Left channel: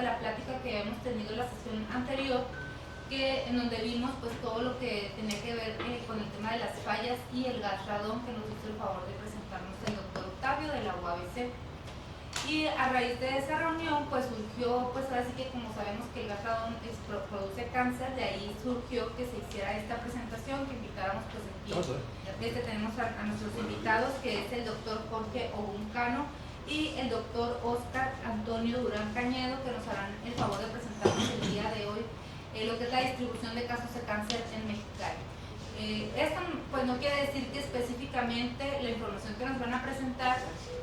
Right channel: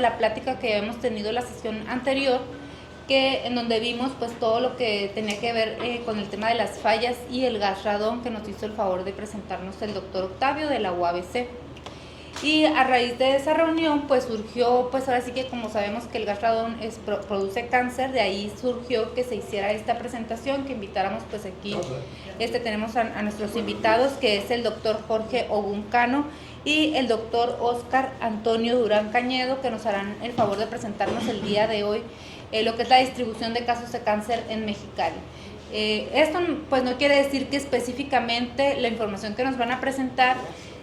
la plática que habíamos tenido la sesión anterior, en donde vimos pues todo lo que tenía que ver con el tema de las fallas y el gas radón, que nos hizo el favor de presentarnos el doctor Octavio de la UABC. Y a raíz de esa reunión pues surgió, pues ahora sí que como sabemos que el gas radón produce cáncer, de ahí surgió que se hiciera esta presentación, que invitáramos pues aquí, tenemos a nuestros invitados, que es el doctor Jorge Oguncano y el doctor Oscar Antonio Durán Cañedo, que nos harán el favor de presentarnos el día de hoy lo que es la distribución de casos de cáncer en Mexicali. Esto pues no quiere decir que específicamente la información que nos van a presentar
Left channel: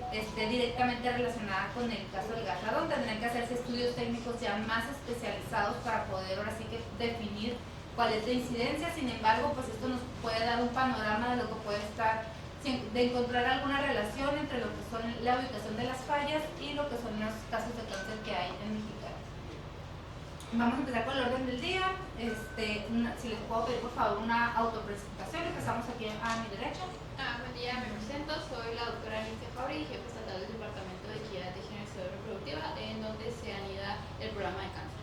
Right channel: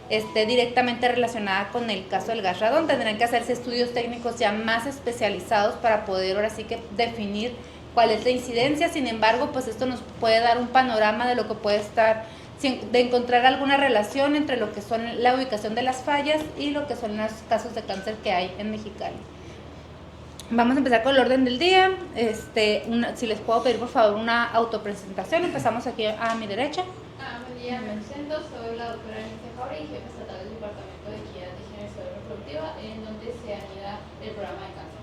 esté directamente relacionada con el caso del gas radón. Tendrán que hacerse estudios técnicos ya más especializados para poder ahora sí que definir cuál es la incidencia. Sin embargo, pues esto nos puede dar un panorama de lo que puede estar, de encontrar alguna relación entre lo que son la ubicación de las fallas y lo que son los casos de cáncer que hay en Mexicali. Vamos a empezar con el orden del día. Si les puedo pedir por favor una autopresentación. Empezamos aquí a mi derecha. Buen día, me presento, soy la doctora Alicia Fabri, jefa estatal del Departamento de Equidad de Género y Salud Reproductiva, en donde se anida el programa de cáncer.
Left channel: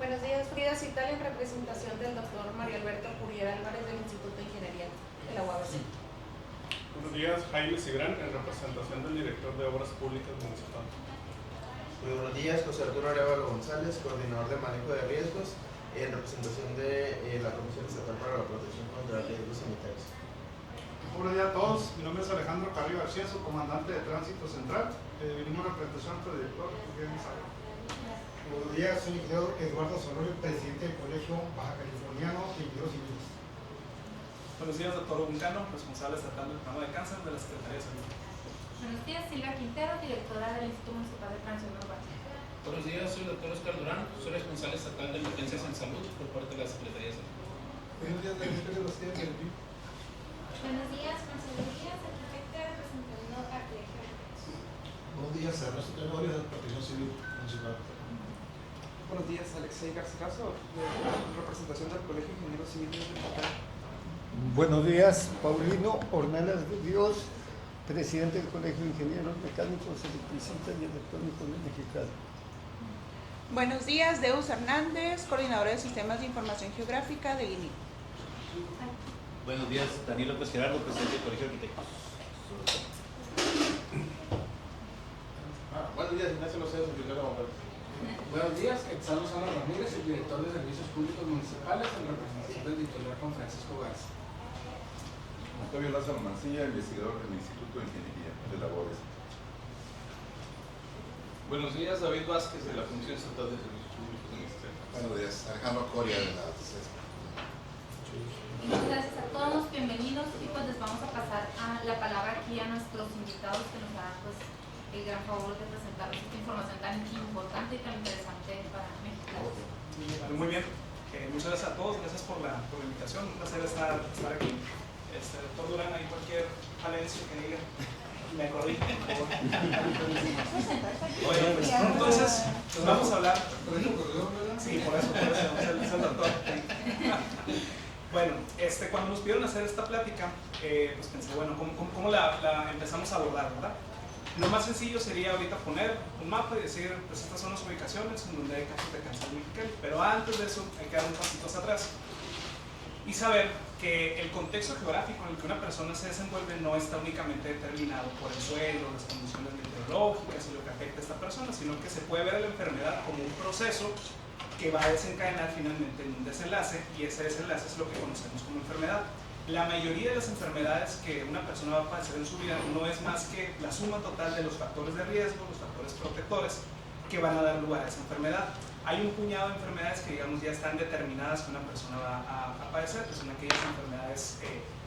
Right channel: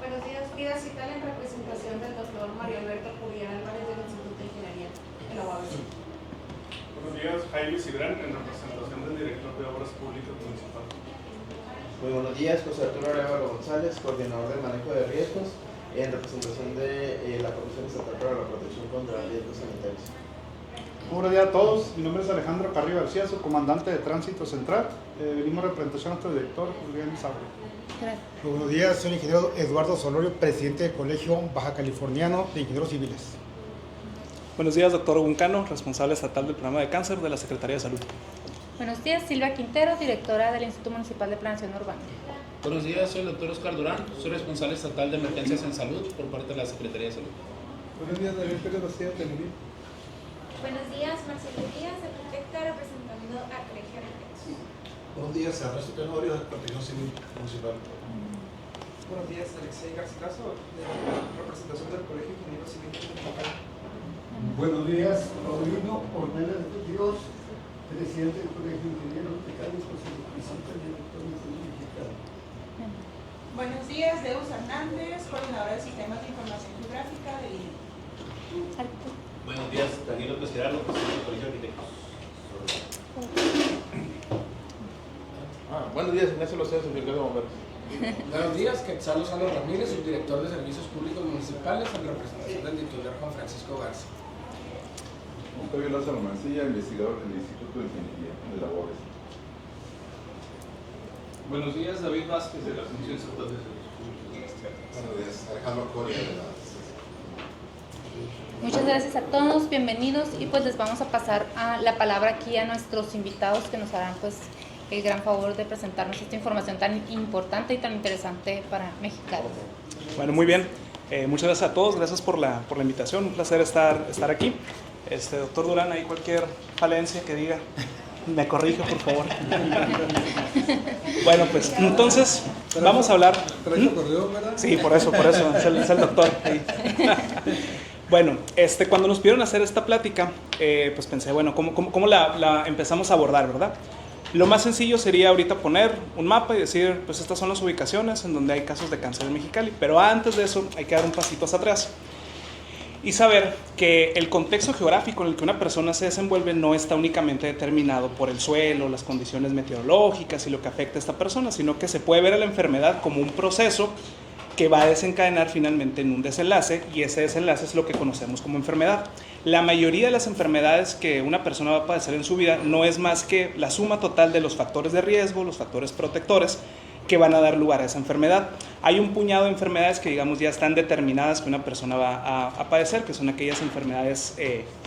Buenos días, Frida Cital, en representación del doctor Mario Alberto Curiel Álvarez del Instituto de Ingeniería de la UABC. Buenos días, Jaime Cigrán, en representación del director de Obras Públicas Municipal. Muy buenos días, José Arturo Arevalo González, coordinador del manejo de riesgos, en representación de la Comisión Estatal para la Protección contra Riesgos Sanitarios. Buenos días a todos, mi nombre es Alejandro Carrillo García, soy comandante de Tránsito Central. Venimos a representar a nuestro director, Julián Isabel. Buenos días, soy el ingeniero Eduardo Solorio, presidente del Colegio Baja Californiano de Ingenieros Civiles. Buenos días, doctor Oguncano, responsable estatal del programa de cáncer de la Secretaría de Salud. Buenos días, Silvia Quintero, directora del Instituto Municipal de Planeación Urbana. Buenos días, soy el doctor Oscar Durán, soy responsable estatal de emergencias en salud por parte de la Secretaría de Salud. Buenos días, Daniel Pérez García, de Nubil. Buenos días, Marcelo Díaz, arquitecta representando al Colegio de Arquitectos. Buenos días, Ernesto Tenorio, del Protección Civil Municipal. Buenos días, Alexei Garcilaso, de representación del Colegio de Ingenieros Civiles de Mexicali. Buenos días, Paulino Ornelas Dios, presidente del Colegio de Ingenieros Mecánicos y representante del Electrónico de Mexicali. Buenos días, Deus Hernández, coordinadora de Sistemas de Información Geográfica de INE. Buenos días, Daniel López Gerardo, presidente del Colegio de Arquitectos. Buenos días, Ignacio Locedo, secretario de Bomberos. Buenos días, Quetzal Lozano Ramírez, subdirector de Servicios Públicos Municipales, en representación del titular Juan Francisco Garza. Octavio Lázaro Mancilla, investigador del Instituto de Ingeniería de la UABC. Buenos días, David Vázquez, de la Función Estatal de Servicios Públicos. Buenos días, Alejandro Coria, de la Muchas gracias a todos, bienvenidos, y pues les vamos a pasar la palabra aquí a nuestros invitados que nos harán pues el gran favor de presentarnos esta información tan importante y tan interesante para Mexicali. Bueno, muy bien, muchas gracias a todos, gracias por la invitación, un placer estar aquí. Doctor Durán, ahí cualquier falencia que diga, me corrige por favor. Bueno, pues entonces vamos a hablar. Sí, por eso, es el doctor ahí. Bueno, cuando nos pidieron hacer esta plática, pues pensé, bueno, ¿cómo la empezamos a abordar, verdad? Lo más sencillo sería ahorita poner un mapa y decir, pues estas son las ubicaciones en donde hay casos de cáncer en Mexicali, pero antes de eso hay que dar un pasito hacia atrás y saber que el contexto geográfico en el que una persona se desenvuelve no está únicamente determinado por el suelo, las condiciones meteorológicas y lo que afecta a esta persona, sino que se puede ver a la enfermedad como un proceso que va a desencadenar finalmente en un desenlace, y ese desenlace es lo que conocemos como enfermedad. La mayoría de las enfermedades que una persona va a padecer en su vida no es más que la suma total de los factores de riesgo, los factores protectores que van a dar lugar a esa enfermedad. Hay un puñado de enfermedades que digamos ya están determinadas que una persona va a padecer, que son aquellas enfermedades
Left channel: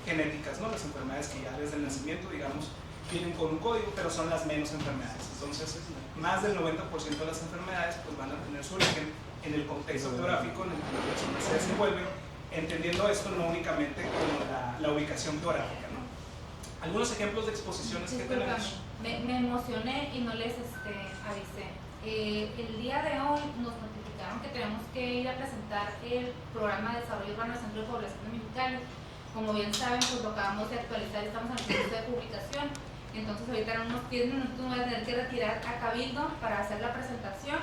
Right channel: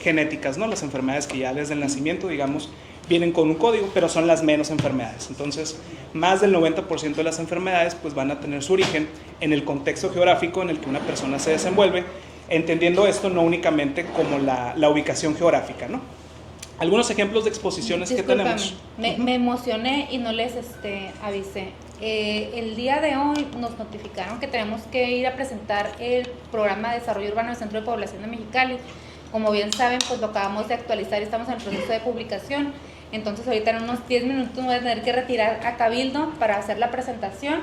genéticas, ¿no? Las enfermedades que ya desde el nacimiento digamos vienen con un código, pero son las menos enfermedades. Entonces, más del 90% de las enfermedades pues van a tener su origen en el contexto geográfico en el que una persona se desenvuelve, entendiendo esto no únicamente como la ubicación geográfica, ¿no? Algunos ejemplos de exposiciones que tenemos. Me emocioné y no les avisé. El día de hoy nos notificaron que tenemos que ir a presentar el programa de desarrollo urbano del Centro de Población de Mexicali. Como bien saben, pues lo acabamos de actualizar, estamos en el proceso de publicación. Entonces ahorita en unos 10 minutos me voy a tener que retirar a Cabildo para hacer la presentación,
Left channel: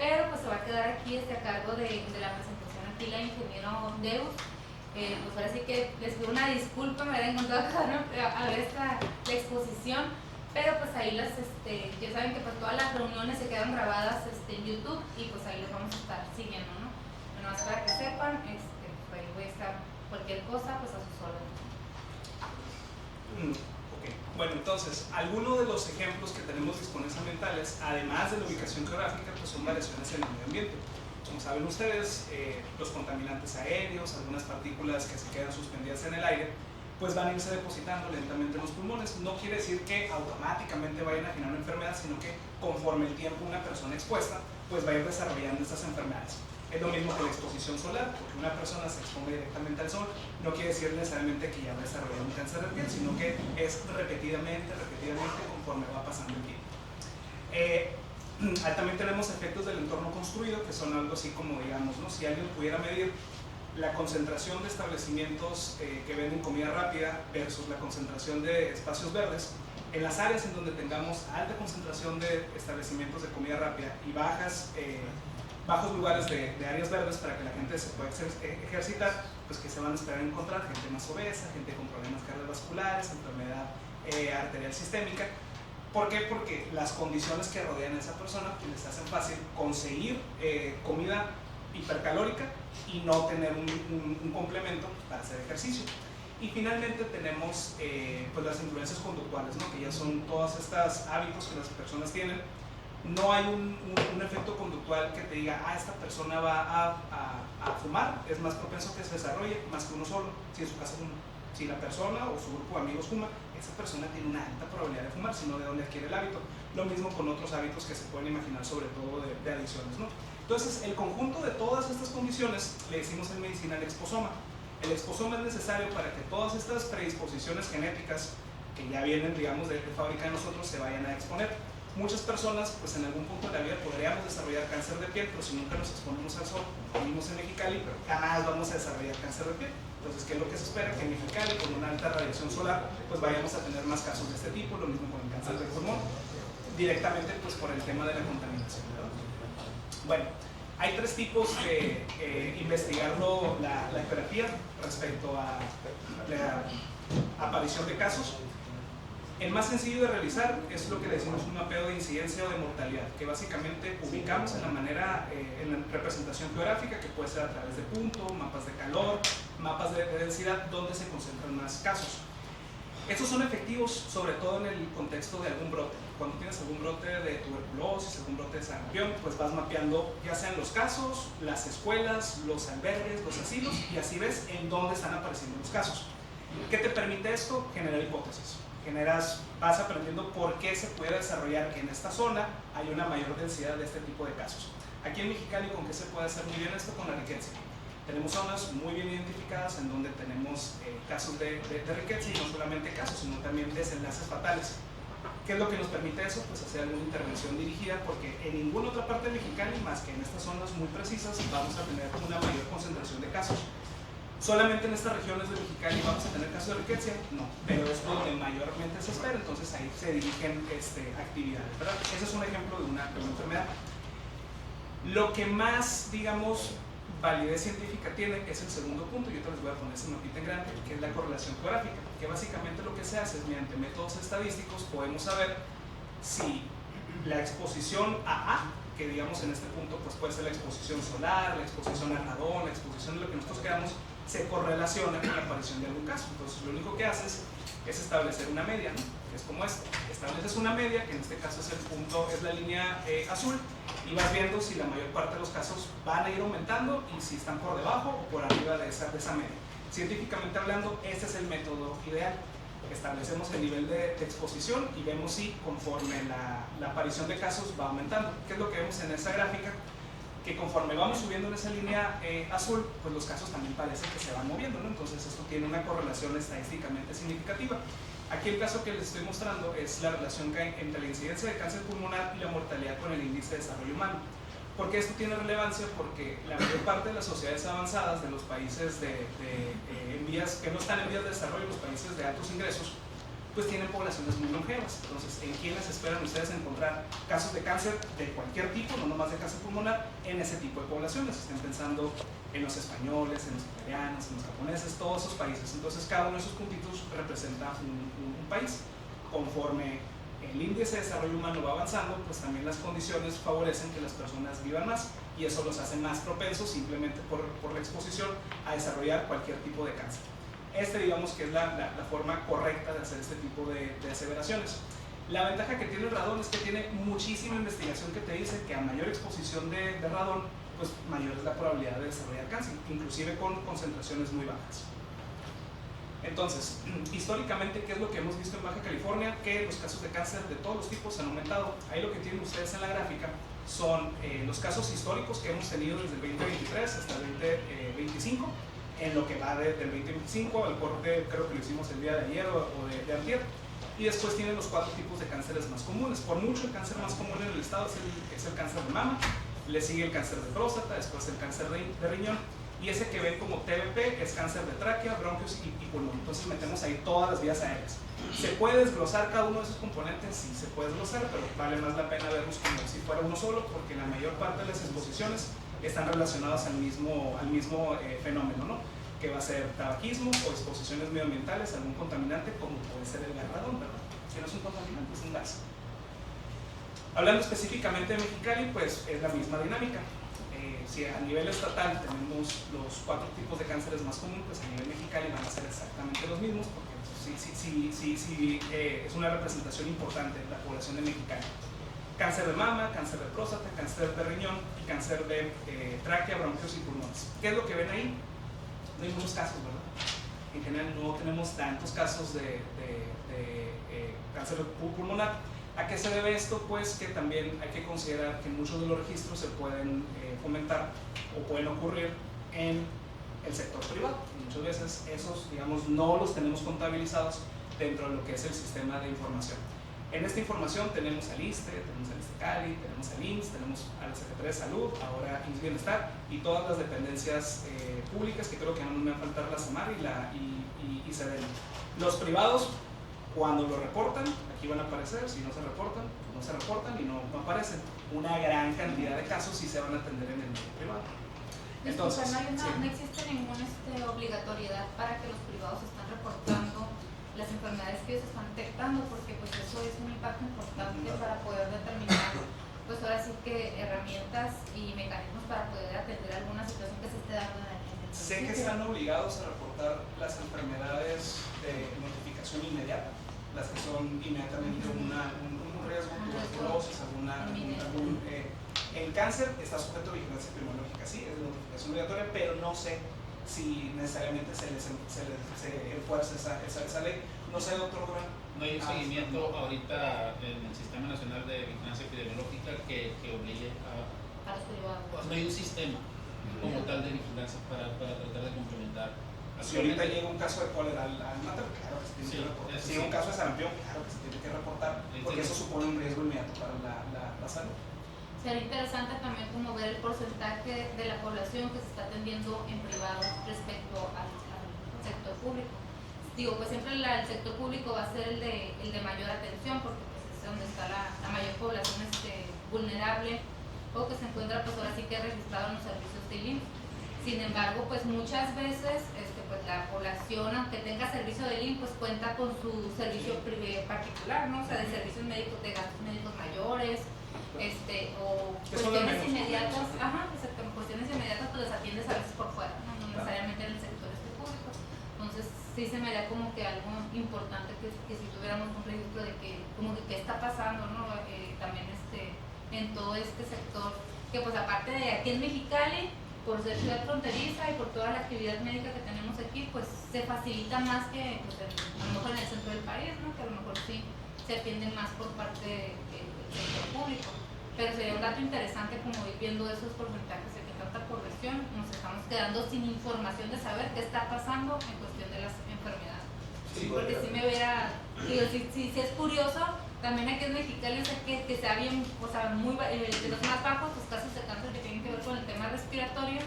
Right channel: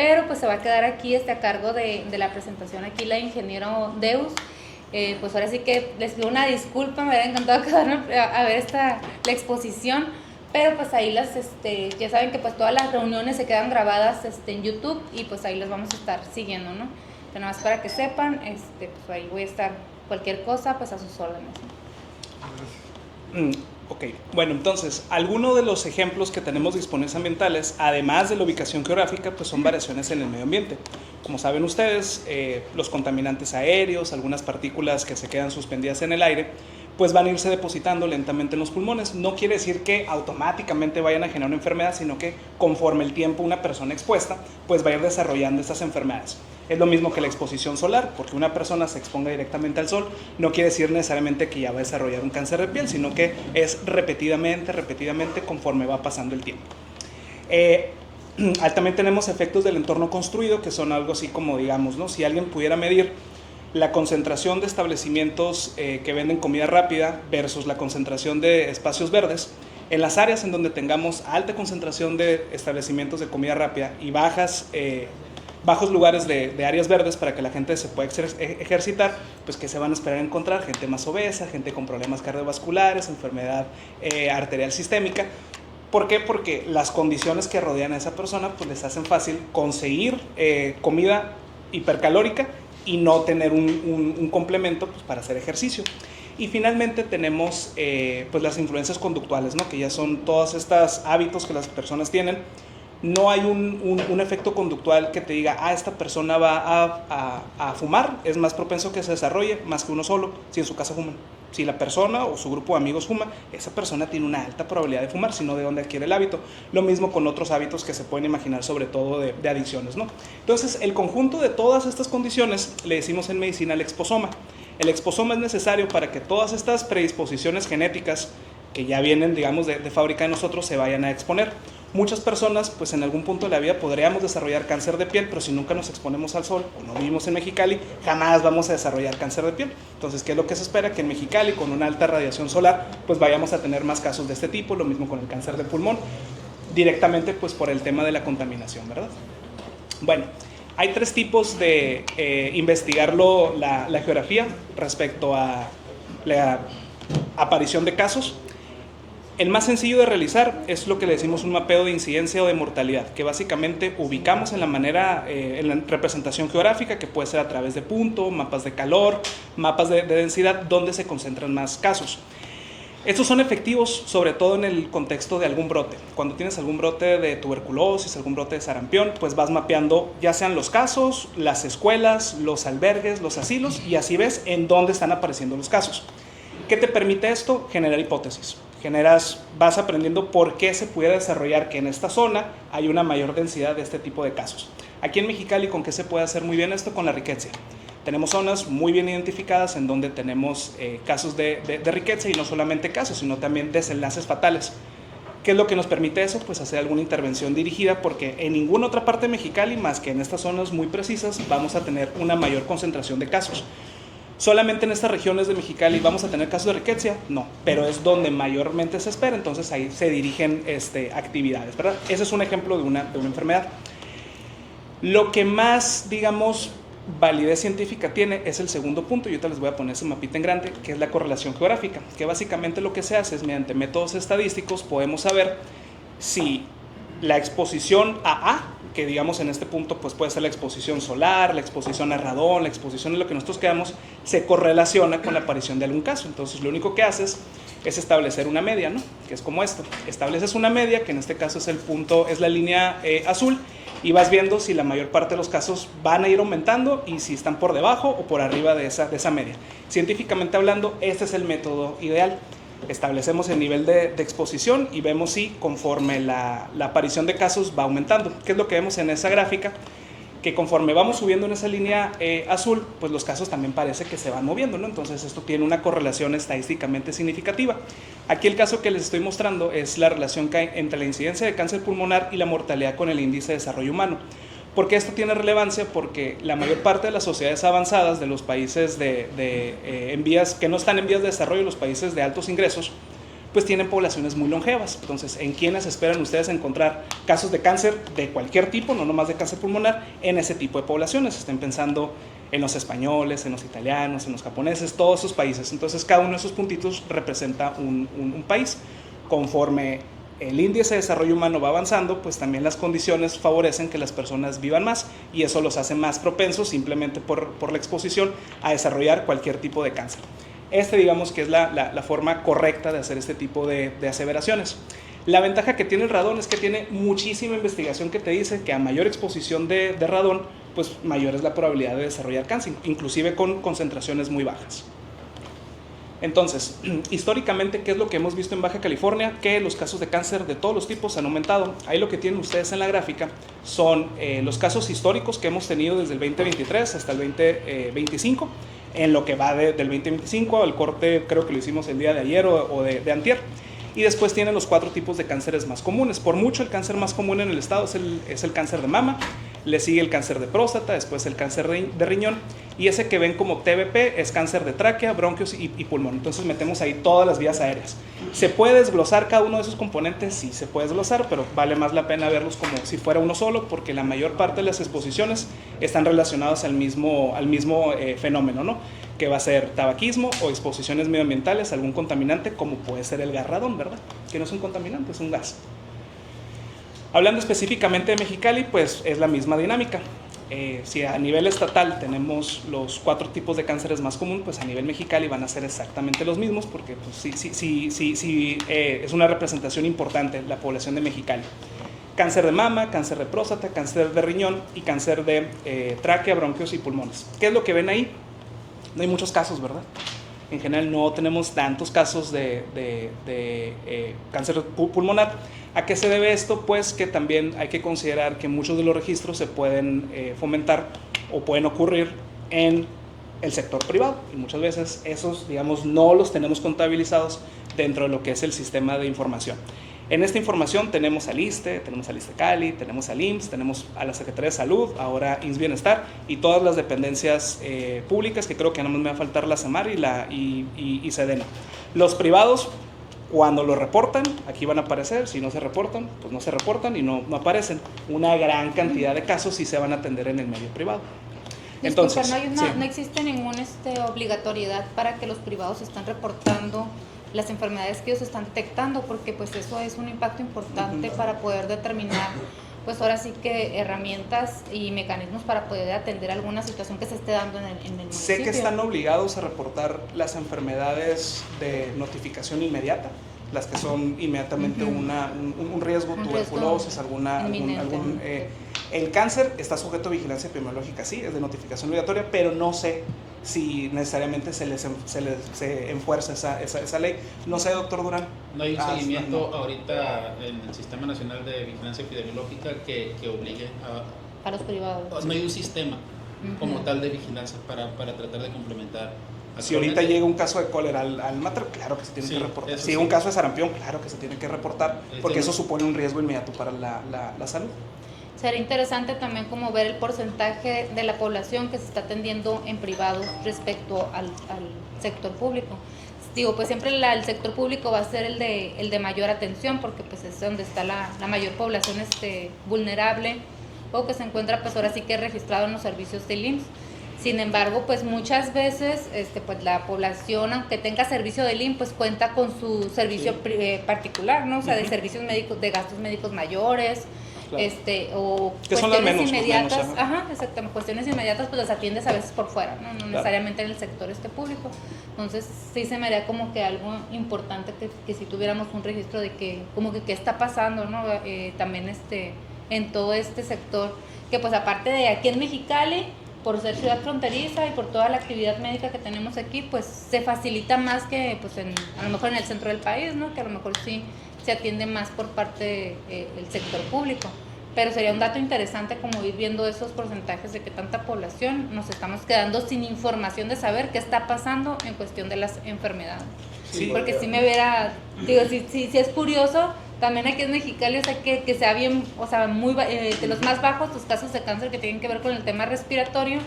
pero pues se va a quedar aquí a cargo de la presentación aquí la ingeniero Deus. Pues ahora sí que les pido una disculpa, me hubiera encantado quedarme a ver la exposición, pero pues ahí ya saben que pues todas las reuniones se quedan grabadas en YouTube y pues ahí las vamos a estar siguiendo, ¿no? Pero nada más para que sepan, pues ahí voy a estar cualquier cosa pues a sus órdenes, ¿no? Ok, bueno, entonces, algunos de los ejemplos que tenemos disponibles ambientales, además de la ubicación geográfica, pues son variaciones en el medio ambiente. Como saben ustedes, los contaminantes aéreos, algunas partículas que se quedan suspendidas en el aire, pues van a irse depositando lentamente en los pulmones. No quiere decir que automáticamente vayan a generar una enfermedad, sino que conforme el tiempo una persona expuesta, pues va a ir desarrollando estas enfermedades. Es lo mismo que la exposición solar, porque una persona se exponga directamente al sol no quiere decir necesariamente que ya va a desarrollar un cáncer de piel, sino que es repetidamente conforme va pasando el tiempo. También tenemos efectos del entorno construido, que son algo así como, digamos, ¿no? Si alguien pudiera medir la concentración de establecimientos que venden comida rápida versus la concentración de espacios verdes, en las áreas en donde tengamos alta concentración de establecimientos de comida rápida y bajos lugares de áreas verdes para que la gente se pueda ejercitar, pues que se van a esperar a encontrar gente más obesa, gente con problemas cardiovasculares, enfermedad arterial sistémica. ¿Por qué? Porque las condiciones que rodean a esa persona pues les hacen fácil conseguir comida hipercalórica y no tener un complemento pues, para hacer ejercicio. Y finalmente tenemos pues las influencias conductuales, ¿no? Que ya son todos estos hábitos que las personas tienen. No hay un efecto conductual que te diga, esta persona va a fumar, es más propenso que se desarrolle más que uno solo, si en su casa fuman. Si la persona o su grupo de amigos fuma, esa persona tiene una alta probabilidad de fumar, sino de dónde adquiere el hábito. Lo mismo con otros hábitos que se pueden imaginar, sobre todo de adicciones, ¿no? Entonces, el conjunto de todas estas condiciones le decimos en medicina el exposoma. El exposoma es necesario para que todas estas predisposiciones genéticas que ya vienen, digamos, de fábrica de nosotros se vayan a exponer. Muchas personas, pues en algún punto de la vida podríamos desarrollar cáncer de piel, pero si nunca nos exponemos al sol o no vivimos en Mexicali, jamás vamos a desarrollar cáncer de piel. Entonces, ¿qué es lo que se espera? Que en Mexicali, con una alta radiación solar, pues vayamos a tener más casos de este tipo, lo mismo con el cáncer de pulmón, directamente pues por el tema de la contaminación, ¿verdad? Bueno, hay tres tipos de investigar la geografía respecto a la aparición de casos. El más sencillo de realizar es lo que le decimos un mapeo de incidencia o de mortalidad, que básicamente ubicamos en la representación geográfica, que puede ser a través de punto, mapas de calor, mapas de densidad, donde se concentran más casos. Estos son efectivos sobre todo en el contexto de algún brote. Cuando tienes algún brote de tuberculosis, algún brote de sarampión, pues vas mapeando ya sean los casos, las escuelas, los albergues, los asilos, y así ves en dónde están apareciendo los casos. ¿Qué te permite esto? Generar hipótesis. Vas aprendiendo por qué se puede desarrollar que en esta zona hay una mayor densidad de este tipo de casos. Aquí en Mexicali, ¿con qué se puede hacer muy bien esto? Con la riqueza. Tenemos zonas muy bien identificadas en donde tenemos casos de riqueza, y no solamente casos, sino también desenlaces fatales. ¿Qué es lo que nos permite eso? Pues hacer alguna intervención dirigida, porque en ninguna otra parte de Mexicali, más que en estas zonas muy precisas, vamos a tener una mayor concentración de casos. ¿Solamente en estas regiones de Mexicali vamos a tener casos de riqueza? No, pero es donde mayormente se espera, entonces ahí se dirigen actividades, ¿verdad? Ese es un ejemplo de una enfermedad. Lo que más, digamos, validez científica tiene es el segundo punto, y ahorita les voy a poner ese mapita en grande, que es la correlación geográfica, que básicamente lo que se hace es, mediante métodos estadísticos, podemos saber si la exposición a A, que digamos en este punto pues puede ser la exposición solar, la exposición a radón, la exposición en lo que nosotros quedamos, se correlaciona con la aparición de algún caso. Entonces lo único que haces es establecer una media, ¿no? Que es como esto. Estableces una media, que en este caso es el punto, es la línea azul, y vas viendo si la mayor parte de los casos van a ir aumentando y si están por debajo o por arriba de esa media. Científicamente hablando, este es el método ideal. Establecemos el nivel de exposición y vemos si conforme la aparición de casos va aumentando. ¿Qué es lo que vemos en esa gráfica? Que conforme vamos subiendo en esa línea azul, pues los casos también parece que se van moviendo, ¿no? Entonces esto tiene una correlación estadísticamente significativa. Aquí el caso que les estoy mostrando es la relación que hay entre la incidencia de cáncer pulmonar y la mortalidad con el índice de desarrollo humano. ¿Por qué esto tiene relevancia? Porque la mayor parte de las sociedades avanzadas de los países que no están en vías de desarrollo, los países de altos ingresos, pues tienen poblaciones muy longevas. Entonces, ¿en quiénes esperan ustedes encontrar casos de cáncer de cualquier tipo, no nomás de cáncer pulmonar, en ese tipo de poblaciones? Estén pensando en los españoles, en los italianos, en los japoneses, todos esos países. Entonces, cada uno de esos puntitos representa un país. Conforme el índice de desarrollo humano va avanzando, pues también las condiciones favorecen que las personas vivan más, y eso los hace más propensos simplemente por la exposición a desarrollar cualquier tipo de cáncer. Digamos que es la forma correcta de hacer este tipo de aseveraciones. La ventaja que tiene el radón es que tiene muchísima investigación que te dice que a mayor exposición de radón, pues mayor es la probabilidad de desarrollar cáncer, inclusive con concentraciones muy bajas. Entonces, históricamente, ¿qué es lo que hemos visto en Baja California? Que los casos de cáncer de todos los tipos han aumentado. Ahí lo que tienen ustedes en la gráfica son los casos históricos que hemos tenido desde el 2023 hasta el 2025. En lo que va del 2025 al corte, creo que lo hicimos el día de ayer o de antier. Y después tienen los 4 tipos de cánceres más comunes. Por mucho, el cáncer más común en el estado es el cáncer de mama, le sigue el cáncer de próstata, después el cáncer de riñón, y ese que ven como TBP es cáncer de tráquea, bronquios y pulmón. Entonces metemos ahí todas las vías aéreas. ¿Se puede desglosar cada uno de esos componentes? Sí, se puede desglosar, pero vale más la pena verlos como si fuera uno solo, porque la mayor parte de las exposiciones están relacionadas al mismo fenómeno, ¿no? Que va a ser tabaquismo o exposiciones medioambientales a algún contaminante, como puede ser el gas radón, ¿verdad? Que no es un contaminante, es un gas. Hablando específicamente de Mexicali, pues es la misma dinámica. Si a nivel estatal tenemos los 4 tipos de cánceres más comunes, pues a nivel Mexicali van a ser exactamente los mismos, porque pues, sí, es una representación importante la población de Mexicali. Cáncer de mama, cáncer de próstata, cáncer de riñón y cáncer de tráquea, bronquios y pulmones. ¿Qué es lo que ven ahí? No hay muchos casos, ¿verdad? En general no tenemos tantos casos de cáncer pulmonar. ¿A qué se debe esto? Pues que también hay que considerar que muchos de los registros se pueden fomentar o pueden ocurrir en el sector privado, y muchas veces esos, digamos, no los tenemos contabilizados dentro de lo que es el sistema de información. En esta información tenemos al ISSSTE, tenemos al ISSSTE Cali, tenemos al IMSS, tenemos a la Secretaría de Salud, ahora IMSS Bienestar, y todas las dependencias públicas, que creo que no me va a faltar la SEMAR y SEDENA. Los privados, cuando lo reportan, aquí van a aparecer. Si no se reportan, pues no se reportan y no aparecen. Una gran cantidad de casos sí se van a atender en el medio privado. Entonces, no existe ninguna obligatoriedad para que los privados estén reportando las enfermedades que ellos están detectando, porque pues eso es un impacto importante para poder determinar, pues ahora sí que herramientas y mecanismos para poder atender alguna situación que se esté dando en el municipio. Sé que están obligados a reportar las enfermedades de notificación inmediata, las que son inmediatamente un riesgo, tuberculosis, el cáncer está sujeto a vigilancia epidemiológica, sí, es de notificación obligatoria, pero no sé si necesariamente se enfuerza esa ley. No sé, doctor Durán. No hay un seguimiento ahorita en el Sistema Nacional de Vigilancia Epidemiológica que obligue a los privados. No hay un sistema como tal de vigilancia para tratar de complementar. Si ahorita llega un caso de cólera al mater, claro que se tiene que reportar. Si llega un caso de sarampión, claro que se tiene que reportar, porque eso supone un riesgo inmediato para la salud. Sería interesante también como ver el porcentaje de la población que se está atendiendo en privado respecto al sector público. Digo, pues siempre el sector público va a ser el de mayor atención, porque pues es donde está la mayor población vulnerable, o que se encuentra pues ahora sí que registrado en los servicios del IMSS. Sin embargo, pues muchas veces pues la población, aunque tenga servicio del IMSS, pues cuenta con su servicio particular, ¿no? O sea, de servicios médicos, de gastos médicos mayores, o cuestiones inmediatas, exactamente, cuestiones inmediatas pues las atiendes a veces por fuera, no necesariamente en el sector público. Entonces sí se me haría como que algo importante que si tuviéramos un registro de que como que qué está pasando, ¿no? También en todo este sector, que pues aparte de aquí en Mexicali, por ser ciudad fronteriza y por toda la actividad médica que tenemos aquí, pues se facilita más que pues a lo mejor en el centro del país, ¿no? Que a lo mejor sí se atiende más por parte del sector público. Pero sería un dato interesante como ir viendo esos porcentajes de que tanta población nos estamos quedando sin información de saber qué está pasando en cuestión de las enfermedades. Sí, porque si me viera, digo, si es curioso, también aquí en Mexicali, o sea, que sea bien, o sea, de los más bajos los casos de cáncer que tienen que ver con el tema respiratorio,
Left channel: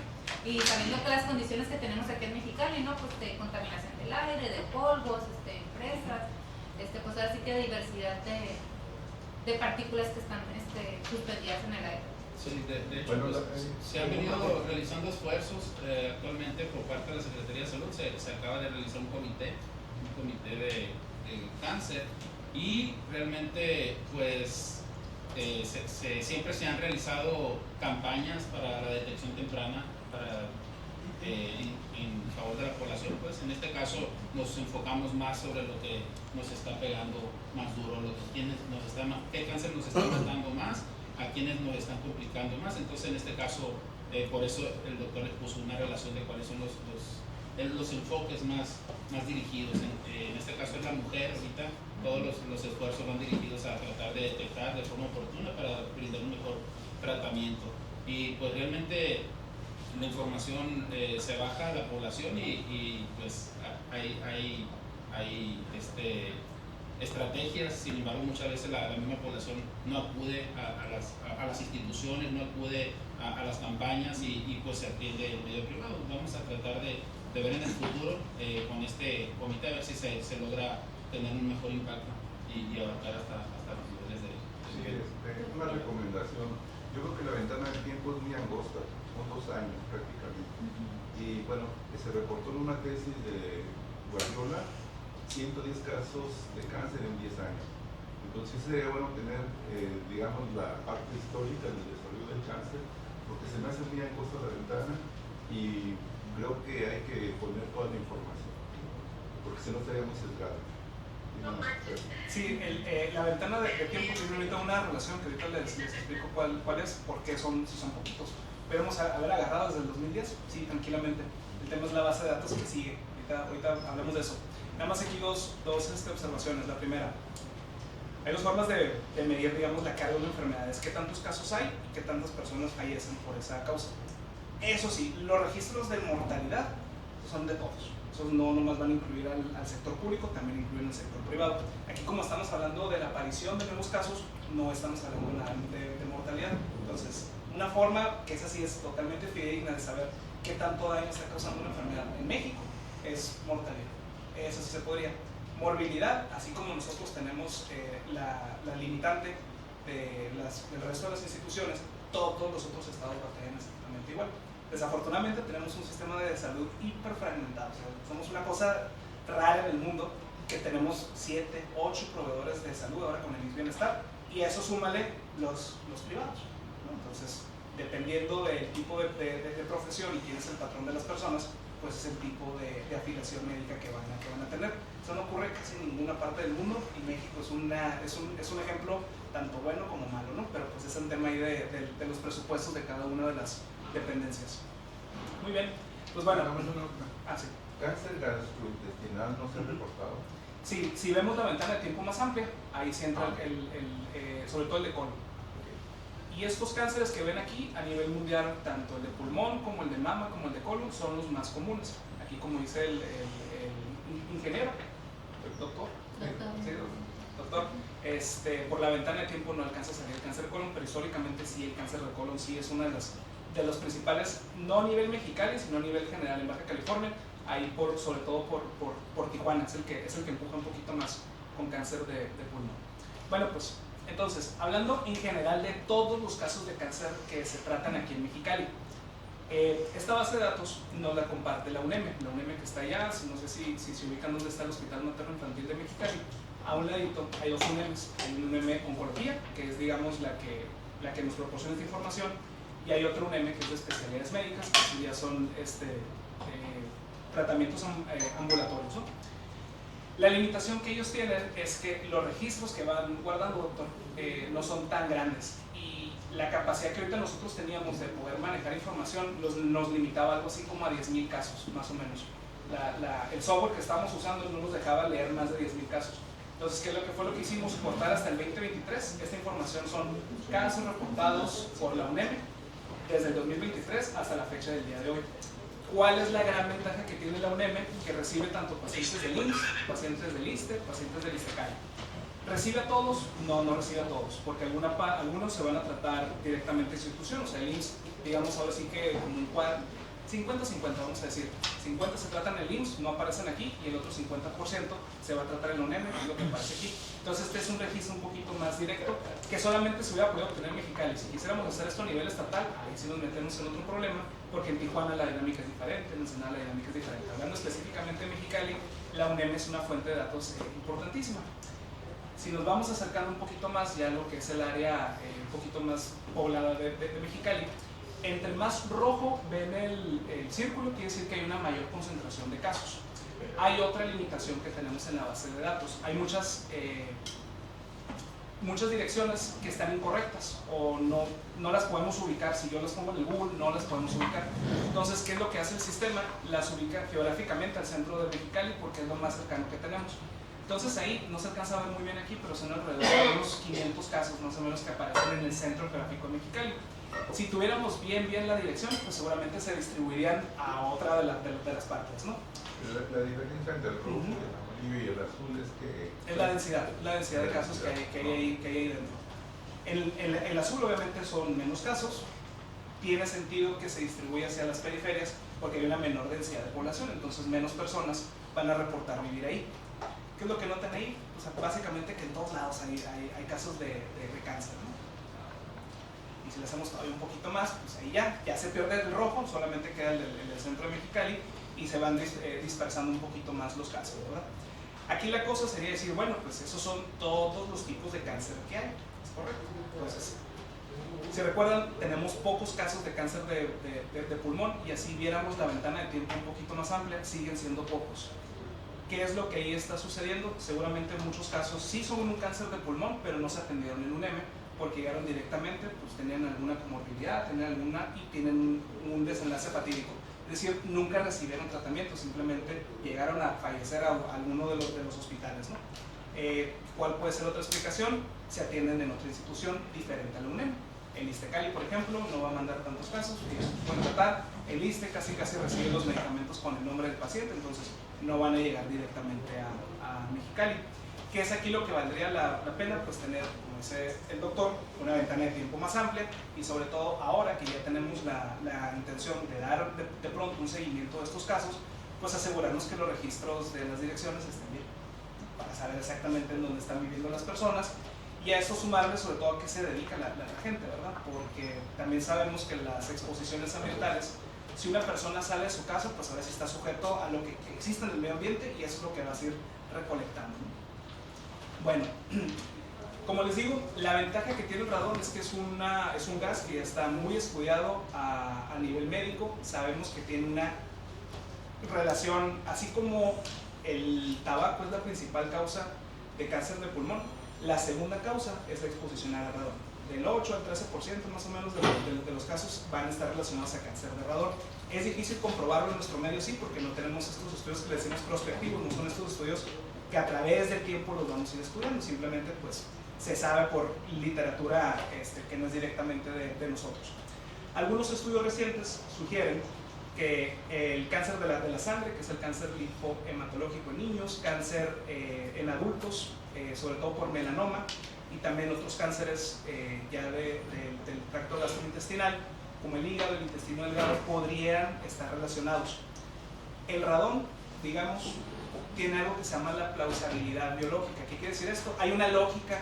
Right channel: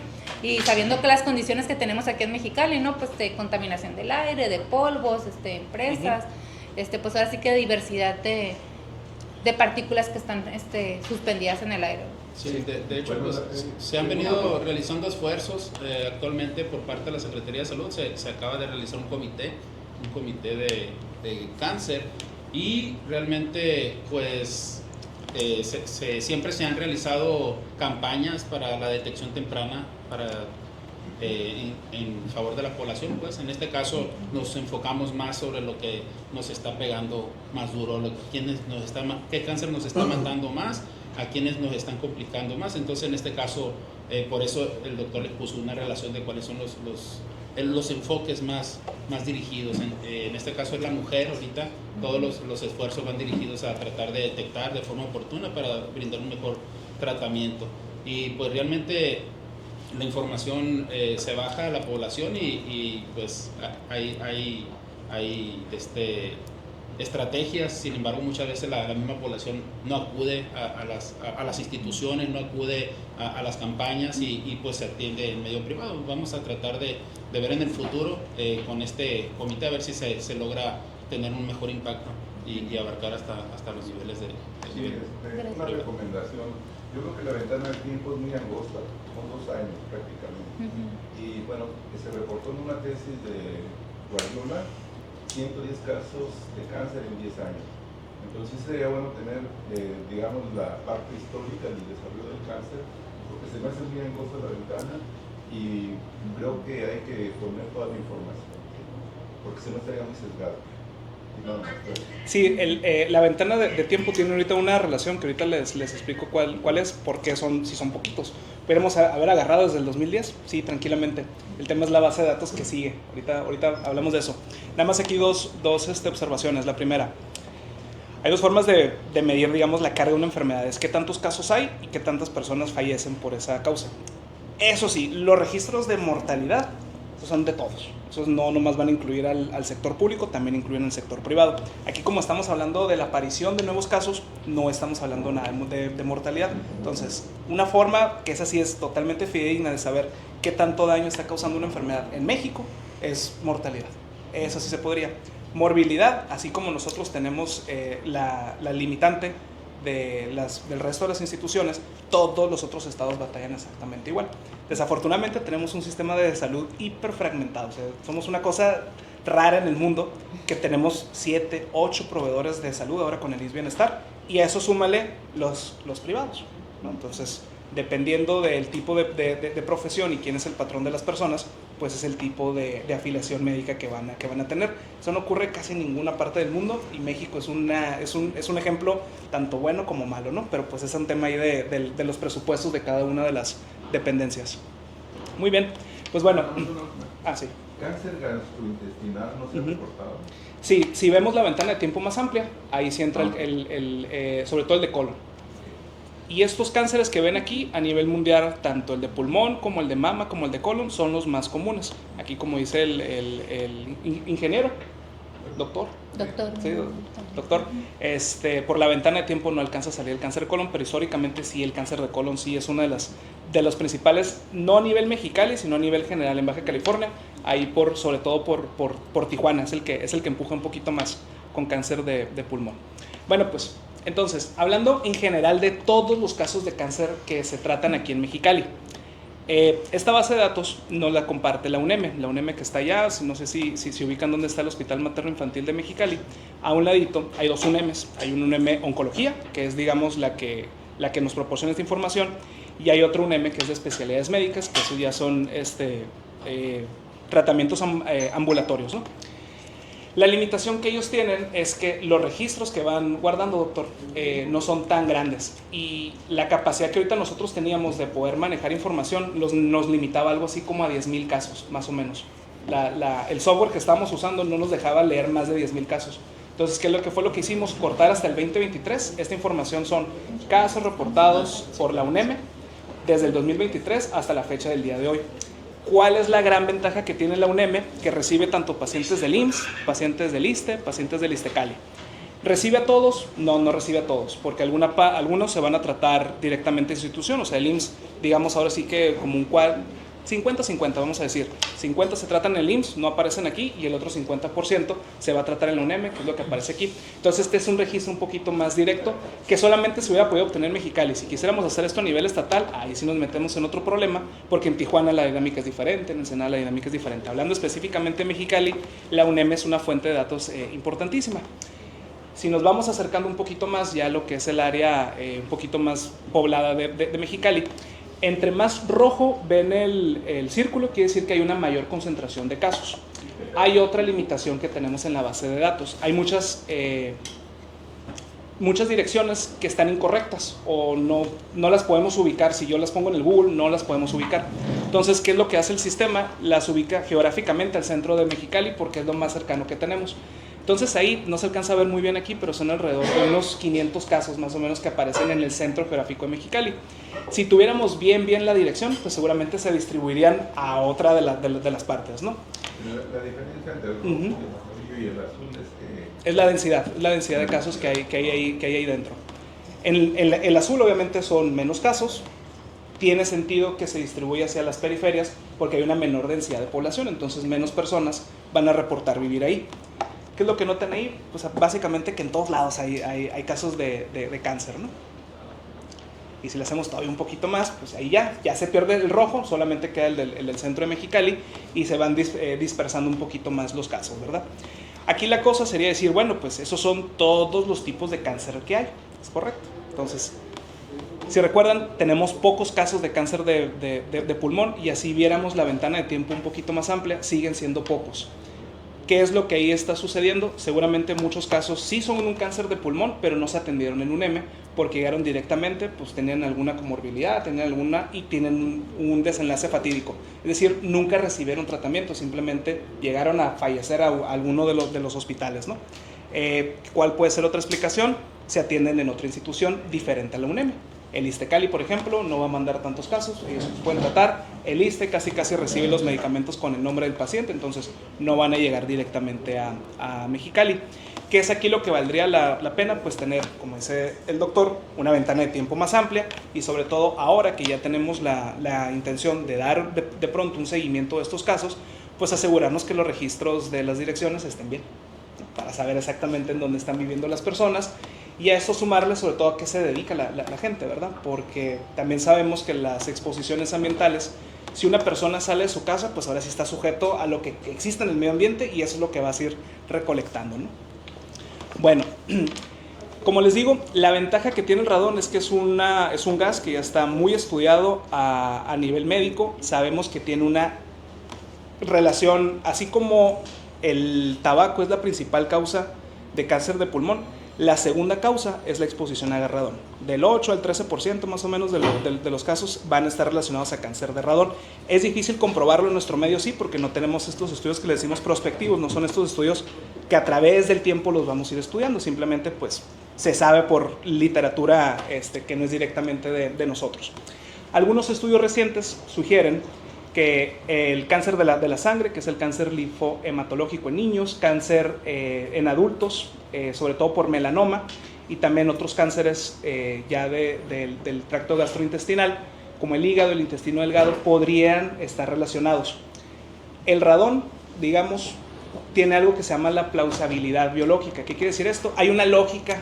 y sabiendo que las condiciones que tenemos aquí en Mexicali, ¿no? Pues de contaminación del aire, de polvos, empresas, pues ahora sí que diversidad de partículas que están suspendidas en el aire. Sí, de hecho, pues, se han venido realizando esfuerzos actualmente por parte de la Secretaría de Salud. Se acaba de realizar un comité de cáncer, y realmente pues siempre se han realizado campañas para la detección temprana en favor de la población. Pues en este caso nos enfocamos más sobre lo que nos está pegando más duro, qué cáncer nos está matando más, a quienes nos están complicando más. Entonces en este caso por eso el doctor les puso una relación de cuáles son los enfoques más dirigidos. En este caso es la mujer. Ahorita todos los esfuerzos van dirigidos a tratar de detectar de forma oportuna para brindar un mejor tratamiento. Y pues realmente la información se baja a la población, y pues hay estrategias. Sin embargo, muchas veces la misma población no acude a las instituciones, no acude a las campañas, y pues se atiende en medio privado. Vamos a tratar de ver en el futuro con este comité a ver si se logra tener un mejor impacto y abarcar hasta los niveles de una recomendación. Yo creo que la ventana de tiempo es muy angosta, son 2 años prácticamente. Y bueno, se reportó en una tesis de Guardiola 110 casos de cáncer en 10 años. Entonces sería bueno tener, digamos, la parte histórica del desarrollo del cáncer, porque se me hace muy angosta la ventana, y creo que hay que poner toda la información, porque si no estaría muy sesgado. Sí, la ventana de tiempo tiene ahorita una relación que ahorita les explico cuál es, porque si son poquitos. Podemos haber agarrado desde el 2010, sí, tranquilamente. El tema es la base de datos que sigue. Ahorita hablamos de eso. Nada más aquí dos observaciones. La primera, hay 2 formas de medir, digamos, la carga de una enfermedad. Es qué tantos casos hay y qué tantas personas fallecen por esa causa. Eso sí, los registros de mortalidad son de todos. Esos no nomás van a incluir al sector público, también incluyen el sector privado. Aquí, como estamos hablando de la aparición de nuevos casos, no estamos hablando nada de mortalidad. Entonces, una forma que esa sí es totalmente fidedigna de saber qué tanto daño está causando una enfermedad en México es mortalidad. Eso sí se podría. Morbilidad, así como nosotros tenemos la limitante del resto de las instituciones, todos los otros estados batallan exactamente igual. Desafortunadamente tenemos un sistema de salud hiperfragmentado. O sea, somos una cosa rara en el mundo, que tenemos 7, 8 proveedores de salud ahora con el ISSSTE Bienestar, y a eso súmale los privados, ¿no? Entonces, dependiendo del tipo de profesión y quién es el patrón de las personas, pues es el tipo de afiliación médica que van a tener. Eso no ocurre casi en ninguna parte del mundo, y México es un ejemplo tanto bueno como malo, ¿no? Pero pues es un tema ahí de los presupuestos de cada una de las dependencias. Muy bien, pues bueno. Sí. ¿Cáncer gastrointestinal no se ha reportado? Sí, si vemos la ventana de tiempo más amplia, ahí sí entra sobre todo el de colon. Y estos cánceres que ven aquí a nivel mundial, tanto el de pulmón como el de mama como el de colon, son los más comunes. Aquí, como dice el ingeniero, el doctor. Sí, doctor. Por la ventana de tiempo no alcanza a salir el cáncer de colon, pero históricamente sí, el cáncer de colon sí es una de las principales, no a nivel Mexicali, sino a nivel general en Baja California. Ahí sobre todo por Tijuana, es el que empuja un poquito más con cáncer de pulmón. Bueno, pues entonces, hablando en general de todos los casos de cáncer que se tratan aquí en Mexicali, esta base de datos nos la comparte la UNEM que está allá. No sé si se ubican dónde está el Hospital Materno Infantil de Mexicali. A un ladito hay 2 UNEMs. Hay un UNEM Oncología, que es, digamos, la que nos proporciona esta información, y hay otro UNEM que es de especialidades médicas, que eso ya son tratamientos ambulatorios, ¿no? La limitación que ellos tienen es que los registros que van guardando, doctor, no son tan grandes, y la capacidad que ahorita nosotros teníamos de poder manejar información nos limitaba algo así como a 10,000 casos, más o menos. El software que estábamos usando no nos dejaba leer más de 10,000 casos. Entonces, ¿qué fue lo que hicimos? Cortar hasta el 2023. Esta información son casos reportados por la UNEM desde el 2023 hasta la fecha del día de hoy. ¿Cuál es la gran ventaja que tiene la UNEM? Que recibe tanto pacientes del IMSS, pacientes del ISSSTE, pacientes del ISSSTE-Cali. ¿Recibe a todos? No recibe a todos, porque algunos se van a tratar directamente en institución. O sea, el IMSS, digamos ahora sí que como un 50-50, vamos a decir. 50 se tratan en el IMSS, no aparecen aquí, y el otro 50% se va a tratar en la UNEM, que es lo que aparece aquí. Entonces este es un registro un poquito más directo, que solamente se hubiera podido obtener en Mexicali. Si quisiéramos hacer esto a nivel estatal, ahí sí nos metemos en otro problema, porque en Tijuana la dinámica es diferente, en Ensenada la dinámica es diferente. Hablando específicamente de Mexicali, la UNEM es una fuente de datos importantísima. Si nos vamos acercando un poquito más ya a lo que es el área un poquito más poblada de Mexicali, entre más rojo ven el círculo, quiere decir que hay una mayor concentración de casos. Hay otra limitación que tenemos en la base de datos. Hay muchas direcciones que están incorrectas o no las podemos ubicar. Si yo las pongo en el Google, no las podemos ubicar. Entonces, ¿qué es lo que hace el sistema? Las ubica geográficamente al centro de Mexicali porque es lo más cercano que tenemos. Entonces ahí no se alcanza a ver muy bien aquí, pero son alrededor de unos 500 casos más o menos que aparecen en el centro geográfico de Mexicali. Si tuviéramos bien la dirección, pues seguramente se distribuirían a otra de las partes, ¿no? La diferencia entre el rojo, el amarillo y el azul es que... Es la densidad de casos que hay ahí dentro. El azul obviamente son menos casos. Tiene sentido que se distribuya hacia las periferias porque hay una menor densidad de población, entonces menos personas van a reportar vivir ahí. ¿Qué es lo que notan ahí? Pues básicamente que en todos lados hay casos de cáncer, ¿no? Y si le hacemos todavía un poquito más, pues ahí ya se pierde el rojo, solamente queda el del centro de Mexicali y se van dispersando un poquito más los casos, ¿verdad? Aquí la cosa sería decir, bueno, pues esos son todos los tipos de cáncer que hay, ¿es correcto? Entonces, si recuerdan, tenemos pocos casos de cáncer de pulmón y así viéramos la ventana de tiempo un poquito más amplia, siguen siendo pocos. ¿Qué es lo que ahí está sucediendo? Seguramente muchos casos sí son un cáncer de pulmón, pero no se atendieron en UNEM porque llegaron directamente, pues tenían alguna comorbilidad, y tienen un desenlace fatídico. Es decir, nunca recibieron tratamiento, simplemente llegaron a fallecer a alguno de los hospitales, ¿no? ¿Cuál puede ser otra explicación? Se atienden en otra institución diferente a la UNEM. El ISSSTE-Cali, por ejemplo, no va a mandar tantos casos, ellos pueden tratar. El ISSSTE casi recibe los medicamentos con el nombre del paciente, entonces no van a llegar directamente a Mexicali. ¿Qué es aquí lo que valdría la pena? Pues tener, como dice el doctor, una ventana de tiempo más amplia y sobre todo ahora que ya tenemos la intención de dar de pronto un seguimiento de estos casos, pues asegurarnos que los registros de las direcciones estén bien, para saber exactamente en dónde están viviendo las personas. Y a esto sumarle sobre todo a qué se dedica la gente, ¿verdad? Porque también sabemos que las exposiciones ambientales, si una persona sale de su casa, pues ahora sí está sujeto a lo que existe en el medio ambiente y eso es lo que vas a ir recolectando, ¿no? Bueno, como les digo, la ventaja que tiene el radón es que es un gas que ya está muy estudiado a nivel médico. Sabemos que tiene una relación, así como el tabaco es la principal causa de cáncer de pulmón, la segunda causa es la exposición a radón. Del 8 al 13% más o menos de los casos van a estar relacionados a cáncer de radón. Es difícil comprobarlo en nuestro medio, sí, porque no tenemos estos estudios que le decimos prospectivos, no son estos estudios que a través del tiempo los vamos a ir estudiando, simplemente pues se sabe por literatura que no es directamente de nosotros. Algunos estudios recientes sugieren que el cáncer de la sangre, que es el cáncer linfohematológico en niños, cáncer en adultos, sobre todo por melanoma, y también otros cánceres ya del tracto gastrointestinal, como el hígado, el intestino delgado, podrían estar relacionados. El radón, digamos, tiene algo que se llama la plausibilidad biológica. ¿Qué quiere decir esto? Hay una lógica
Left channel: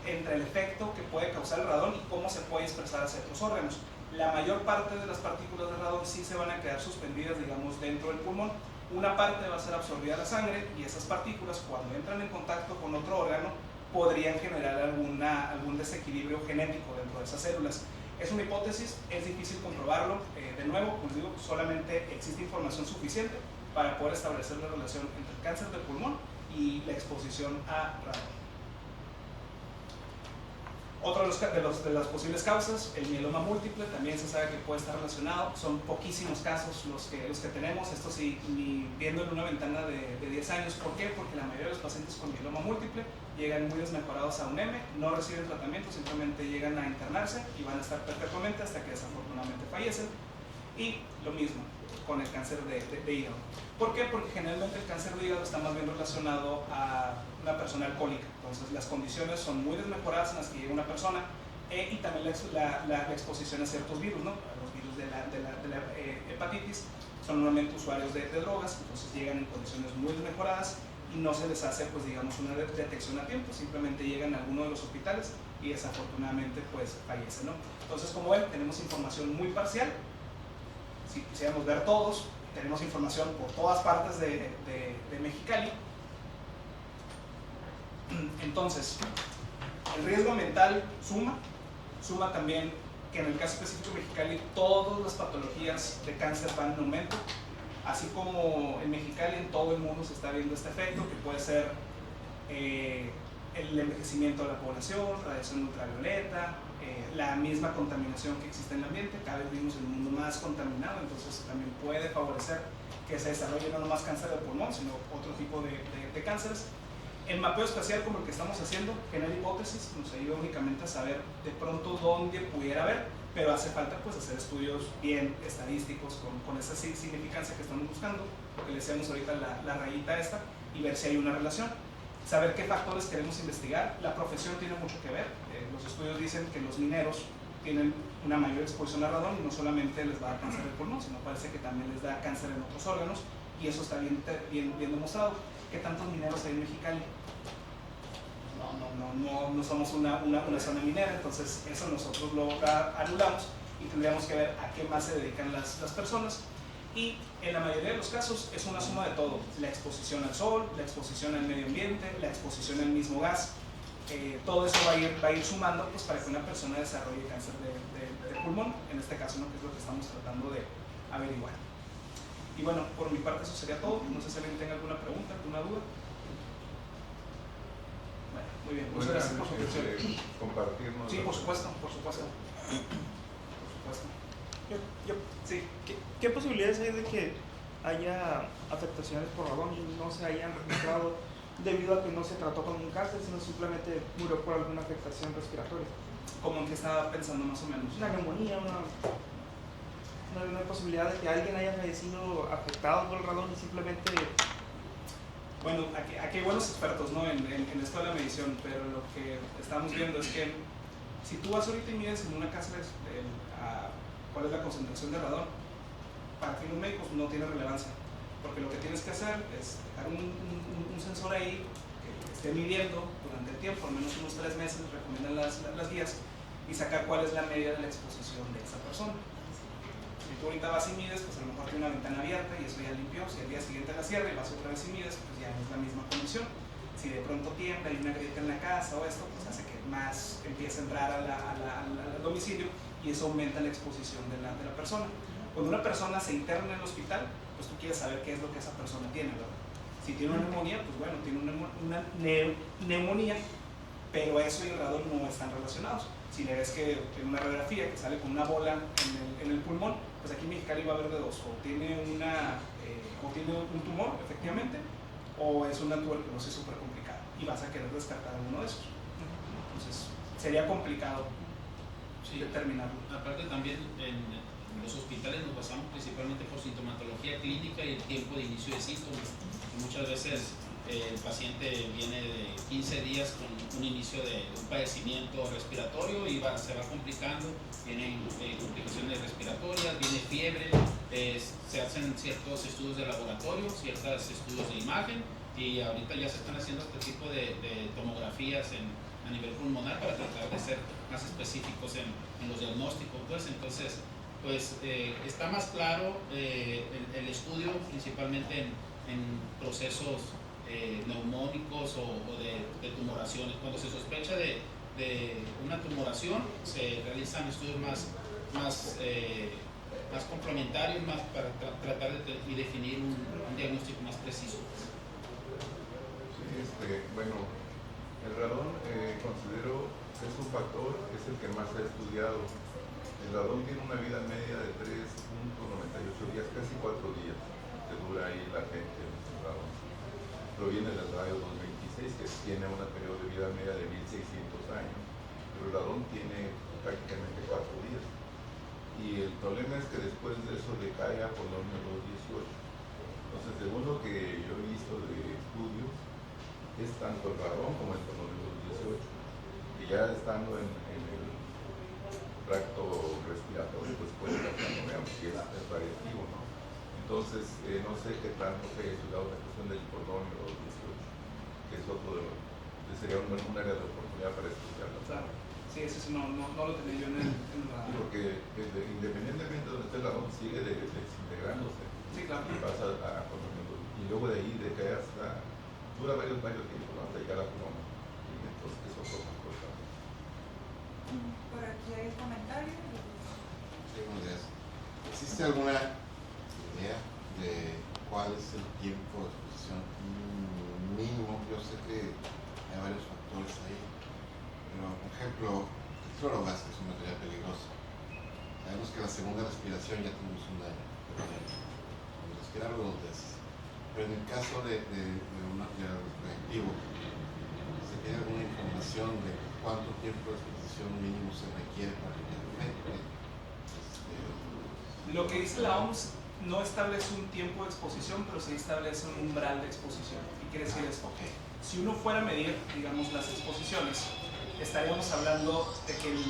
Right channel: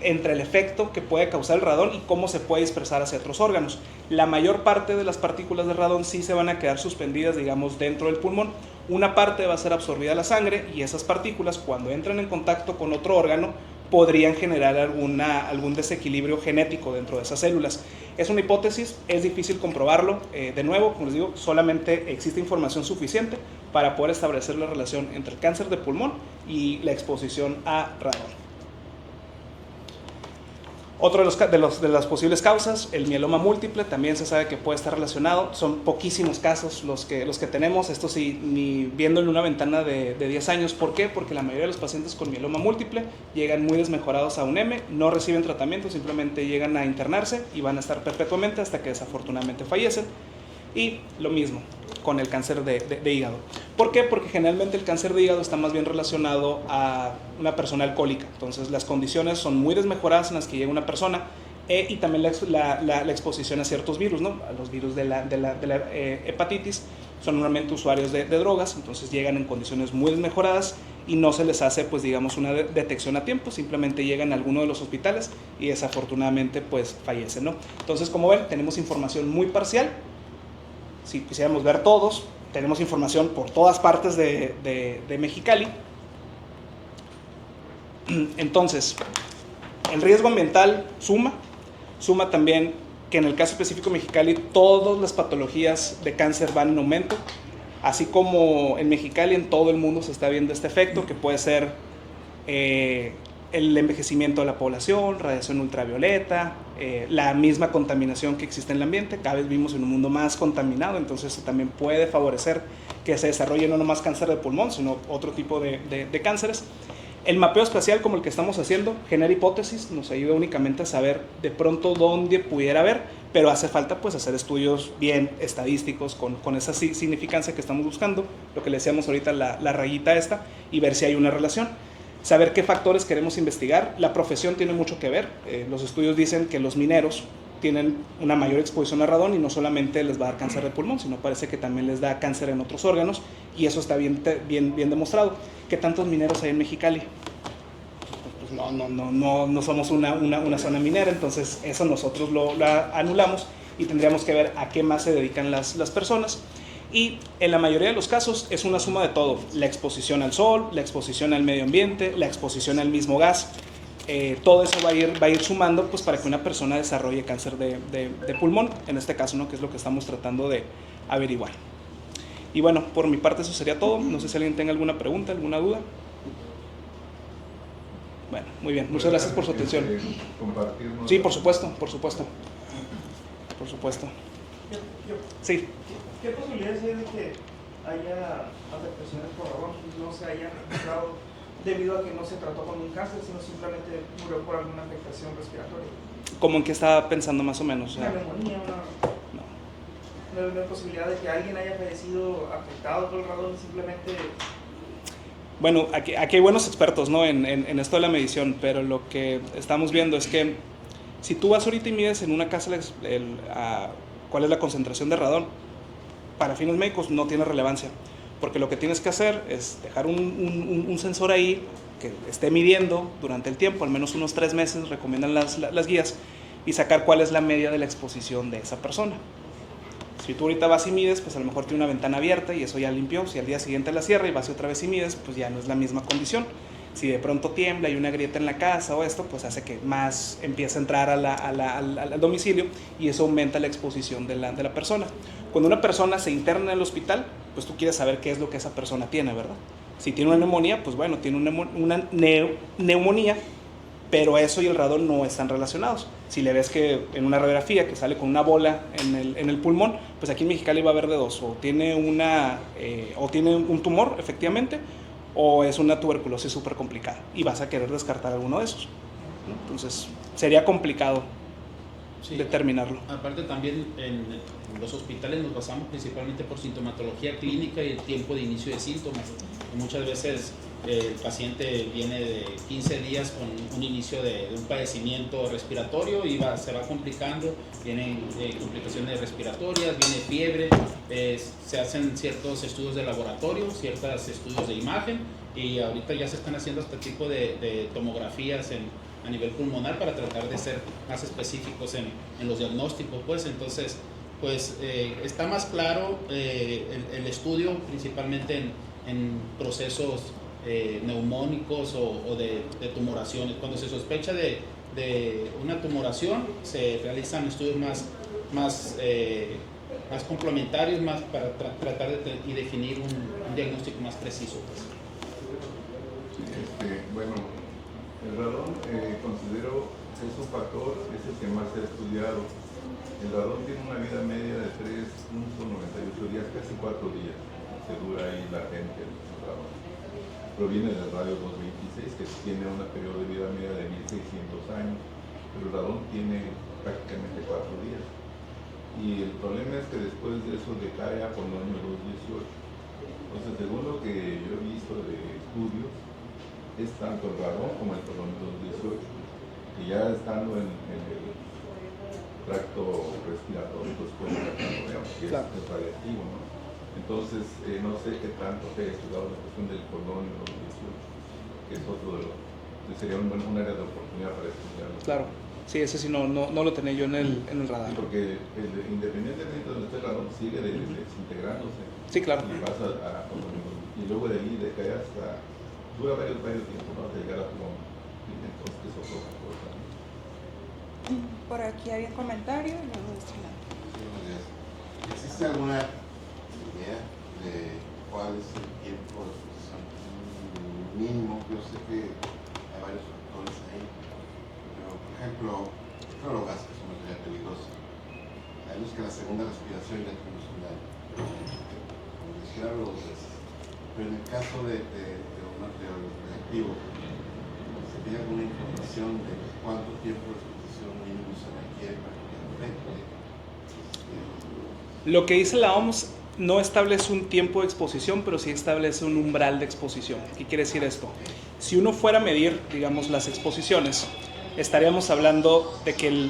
entre el efecto que puede causar el radón y cómo se puede dispersar hacia otros órganos. La mayor parte de las partículas de radón sí se van a quedar suspendidas, digamos, dentro del pulmón. Una parte va a ser absorbida a la sangre y esas partículas, cuando entran en contacto con otro órgano, podrían generar algún desequilibrio genético dentro de esas células. Es una hipótesis, es difícil comprobarlo. De nuevo, como les digo, solamente existe información suficiente para poder establecer la relación entre el cáncer de pulmón y la exposición a radón. Otro de las posibles causas, el mieloma múltiple, también se sabe que puede estar relacionado. Son poquísimos casos los que tenemos, esto sí, ni viendo en una ventana de 10 años. ¿Por qué? Porque la mayoría de los pacientes con mieloma múltiple llegan muy desmejorados a UNEM, no reciben tratamiento, simplemente llegan a internarse y van a estar perpetuamente hasta que desafortunadamente fallecen. Y lo mismo con el cáncer de hígado. ¿Por qué? Porque generalmente el cáncer de hígado está más bien relacionado a una persona alcohólica. Entonces las condiciones son muy desmejoradas en las que llega una persona y también la exposición a ciertos virus, ¿no? A los virus de la hepatitis. Son normalmente usuarios de drogas, entonces llegan en condiciones muy mejoradas y no se les hace, pues digamos, una detección a tiempo, simplemente llegan a alguno de los hospitales y desafortunadamente pues fallecen, ¿no? Entonces, como ven, tenemos información muy parcial. Si quisiéramos ver todos, tenemos información por todas partes de Mexicali. Entonces, el riesgo ambiental suma también que en el caso específico de Mexicali todas las patologías de cáncer van en aumento, así como en Mexicali en todo el mundo se está viendo este efecto que puede ser el envejecimiento de la población, radiación ultravioleta, la misma contaminación que existe en el ambiente. Cada vez vivimos en un mundo más contaminado, entonces eso también puede favorecer que se desarrolle no nomás cáncer de pulmón, sino otro tipo de cánceres. El mapeo espacial como el que estamos haciendo genera hipótesis, nos ayuda únicamente a saber de pronto dónde pudiera haber, pero hace falta pues hacer estudios bien estadísticos con esa significancia que estamos buscando, lo que le decíamos ahorita, la rayita esta, y ver si hay una relación. Saber qué factores queremos investigar. La profesión tiene mucho que ver. Los estudios dicen que los mineros tienen una mayor exposición a radón y no solamente les va a dar cáncer de pulmón, sino parece que también les da cáncer en otros órganos, y eso está bien demostrado. ¿Qué tantos mineros hay en Mexicali? Pues no somos una zona minera, entonces eso nosotros lo anulamos y tendríamos que ver a qué más se dedican las personas. Y en la mayoría de los casos es una suma de todo: la exposición al sol, la exposición al medio ambiente, la exposición al mismo gas. Todo eso va a ir sumando pues, para que una persona desarrolle cáncer de pulmón, en este caso, ¿no? Que es lo que estamos tratando de averiguar. Y bueno, por mi parte eso sería todo. No sé si alguien tenga alguna pregunta, alguna duda. Bueno, muy bien. Muchas gracias por su atención. Sí, por supuesto, por supuesto. Por supuesto. Sí. ¿Qué posibilidades hay de que haya afectaciones por radón y no se hayan registrado debido a que no se trató con un cáncer, sino simplemente murió por alguna afectación respiratoria? ¿Cómo en qué estaba pensando más o menos? Una neumonía, una posibilidad de que alguien haya fallecido afectado por el radón y simplemente... Bueno, aquí hay buenos expertos, ¿no? en esto de la medición, pero lo que estamos viendo es que si tú vas ahorita y mides en una casa cuál es la concentración de radón, para fines médicos no tiene relevancia, porque lo que tienes que hacer es dejar un sensor ahí que esté midiendo durante el tiempo, al menos unos 3 meses, recomiendan las guías, y sacar cuál es la media de la exposición de esa persona. Si tú ahorita vas y mides, pues a lo mejor tiene una ventana abierta y eso ya limpió. Si al día siguiente la cierra y vas otra vez y mides, pues ya no es la misma condición. Si de pronto tiembla y hay una grieta en la casa o esto, pues hace que más empiece a entrar al domicilio y eso aumenta la exposición de la persona. Cuando una persona se interna en el hospital, pues tú quieres saber qué es lo que esa persona tiene, ¿verdad? Si tiene una neumonía, pues bueno, tiene una neumonía, pero eso y el radón no están relacionados. Si le ves que en una radiografía que sale con una bola en el pulmón, pues aquí en Mexicali va a haber de dos: o tiene un tumor, efectivamente, o es una tuberculosis súper complicada y vas a querer descartar alguno de esos. Entonces, sería complicado determinarlo. Aparte también en los hospitales nos basamos principalmente por sintomatología clínica y el tiempo de inicio de síntomas. Muchas veces el paciente viene de 15 días con un inicio de un padecimiento respiratorio y se va complicando, vienen complicaciones respiratorias, viene fiebre, se hacen ciertos estudios de laboratorio, ciertos estudios de imagen, y ahorita ya se están haciendo este tipo de tomografías a nivel pulmonar para tratar de ser más específicos en los diagnósticos, pues. Entonces, pues está más claro el estudio principalmente en procesos neumónicos o de tumoraciones. Cuando se sospecha de una tumoración, se realizan estudios más complementarios, más para tratar de definir un diagnóstico más preciso. Bueno, el radón considero que es un factor, es el que más se ha estudiado. El radón tiene una vida media de 3.98 días, casi 4 días, que dura ahí la gente el radón. Proviene del radio 226, que tiene una periodo de vida media de 1600 años, pero el radón tiene prácticamente 4 días. Y el problema es que después de eso decae a polonio 218. Entonces, según lo que yo he visto de estudios, es tanto el radón como el polonio 218, y ya estando en tracto respiratorio, pues puede haber que Claro. es radiactivo, ¿no? Entonces, no sé qué tanto se ha estudiado la cuestión del polonio, que es otro de los, sería un área de oportunidad para estudiarlo. Claro, sí, ese sí no lo tenía yo en el radar. Sí, porque independientemente de donde esté el radón, sigue desintegrándose. Sí, claro. Y pasa y luego de ahí decae hasta, dura varios tiempos, ¿no? Hasta llegar a pulmón. Y entonces es otro factor también. Por aquí había un comentario. ¿Existe alguna idea de cuál es el tiempo de exposición mínimo? Yo sé que hay varios factores ahí, pero por ejemplo, el clorogas, que es un material peligroso, sabemos que en la segunda respiración ya tuvimos un daño, como dijeron dos veces, pero en el caso de un material radioactivo, ¿se tiene alguna información de cuánto tiempo de exposición mínimo se requiere para que Lo que dice la OMS no establece un tiempo de exposición, pero sí establece un umbral de exposición. ¿Qué quiere decir esto? Si uno fuera a medir, digamos, las exposiciones, estaríamos hablando de que el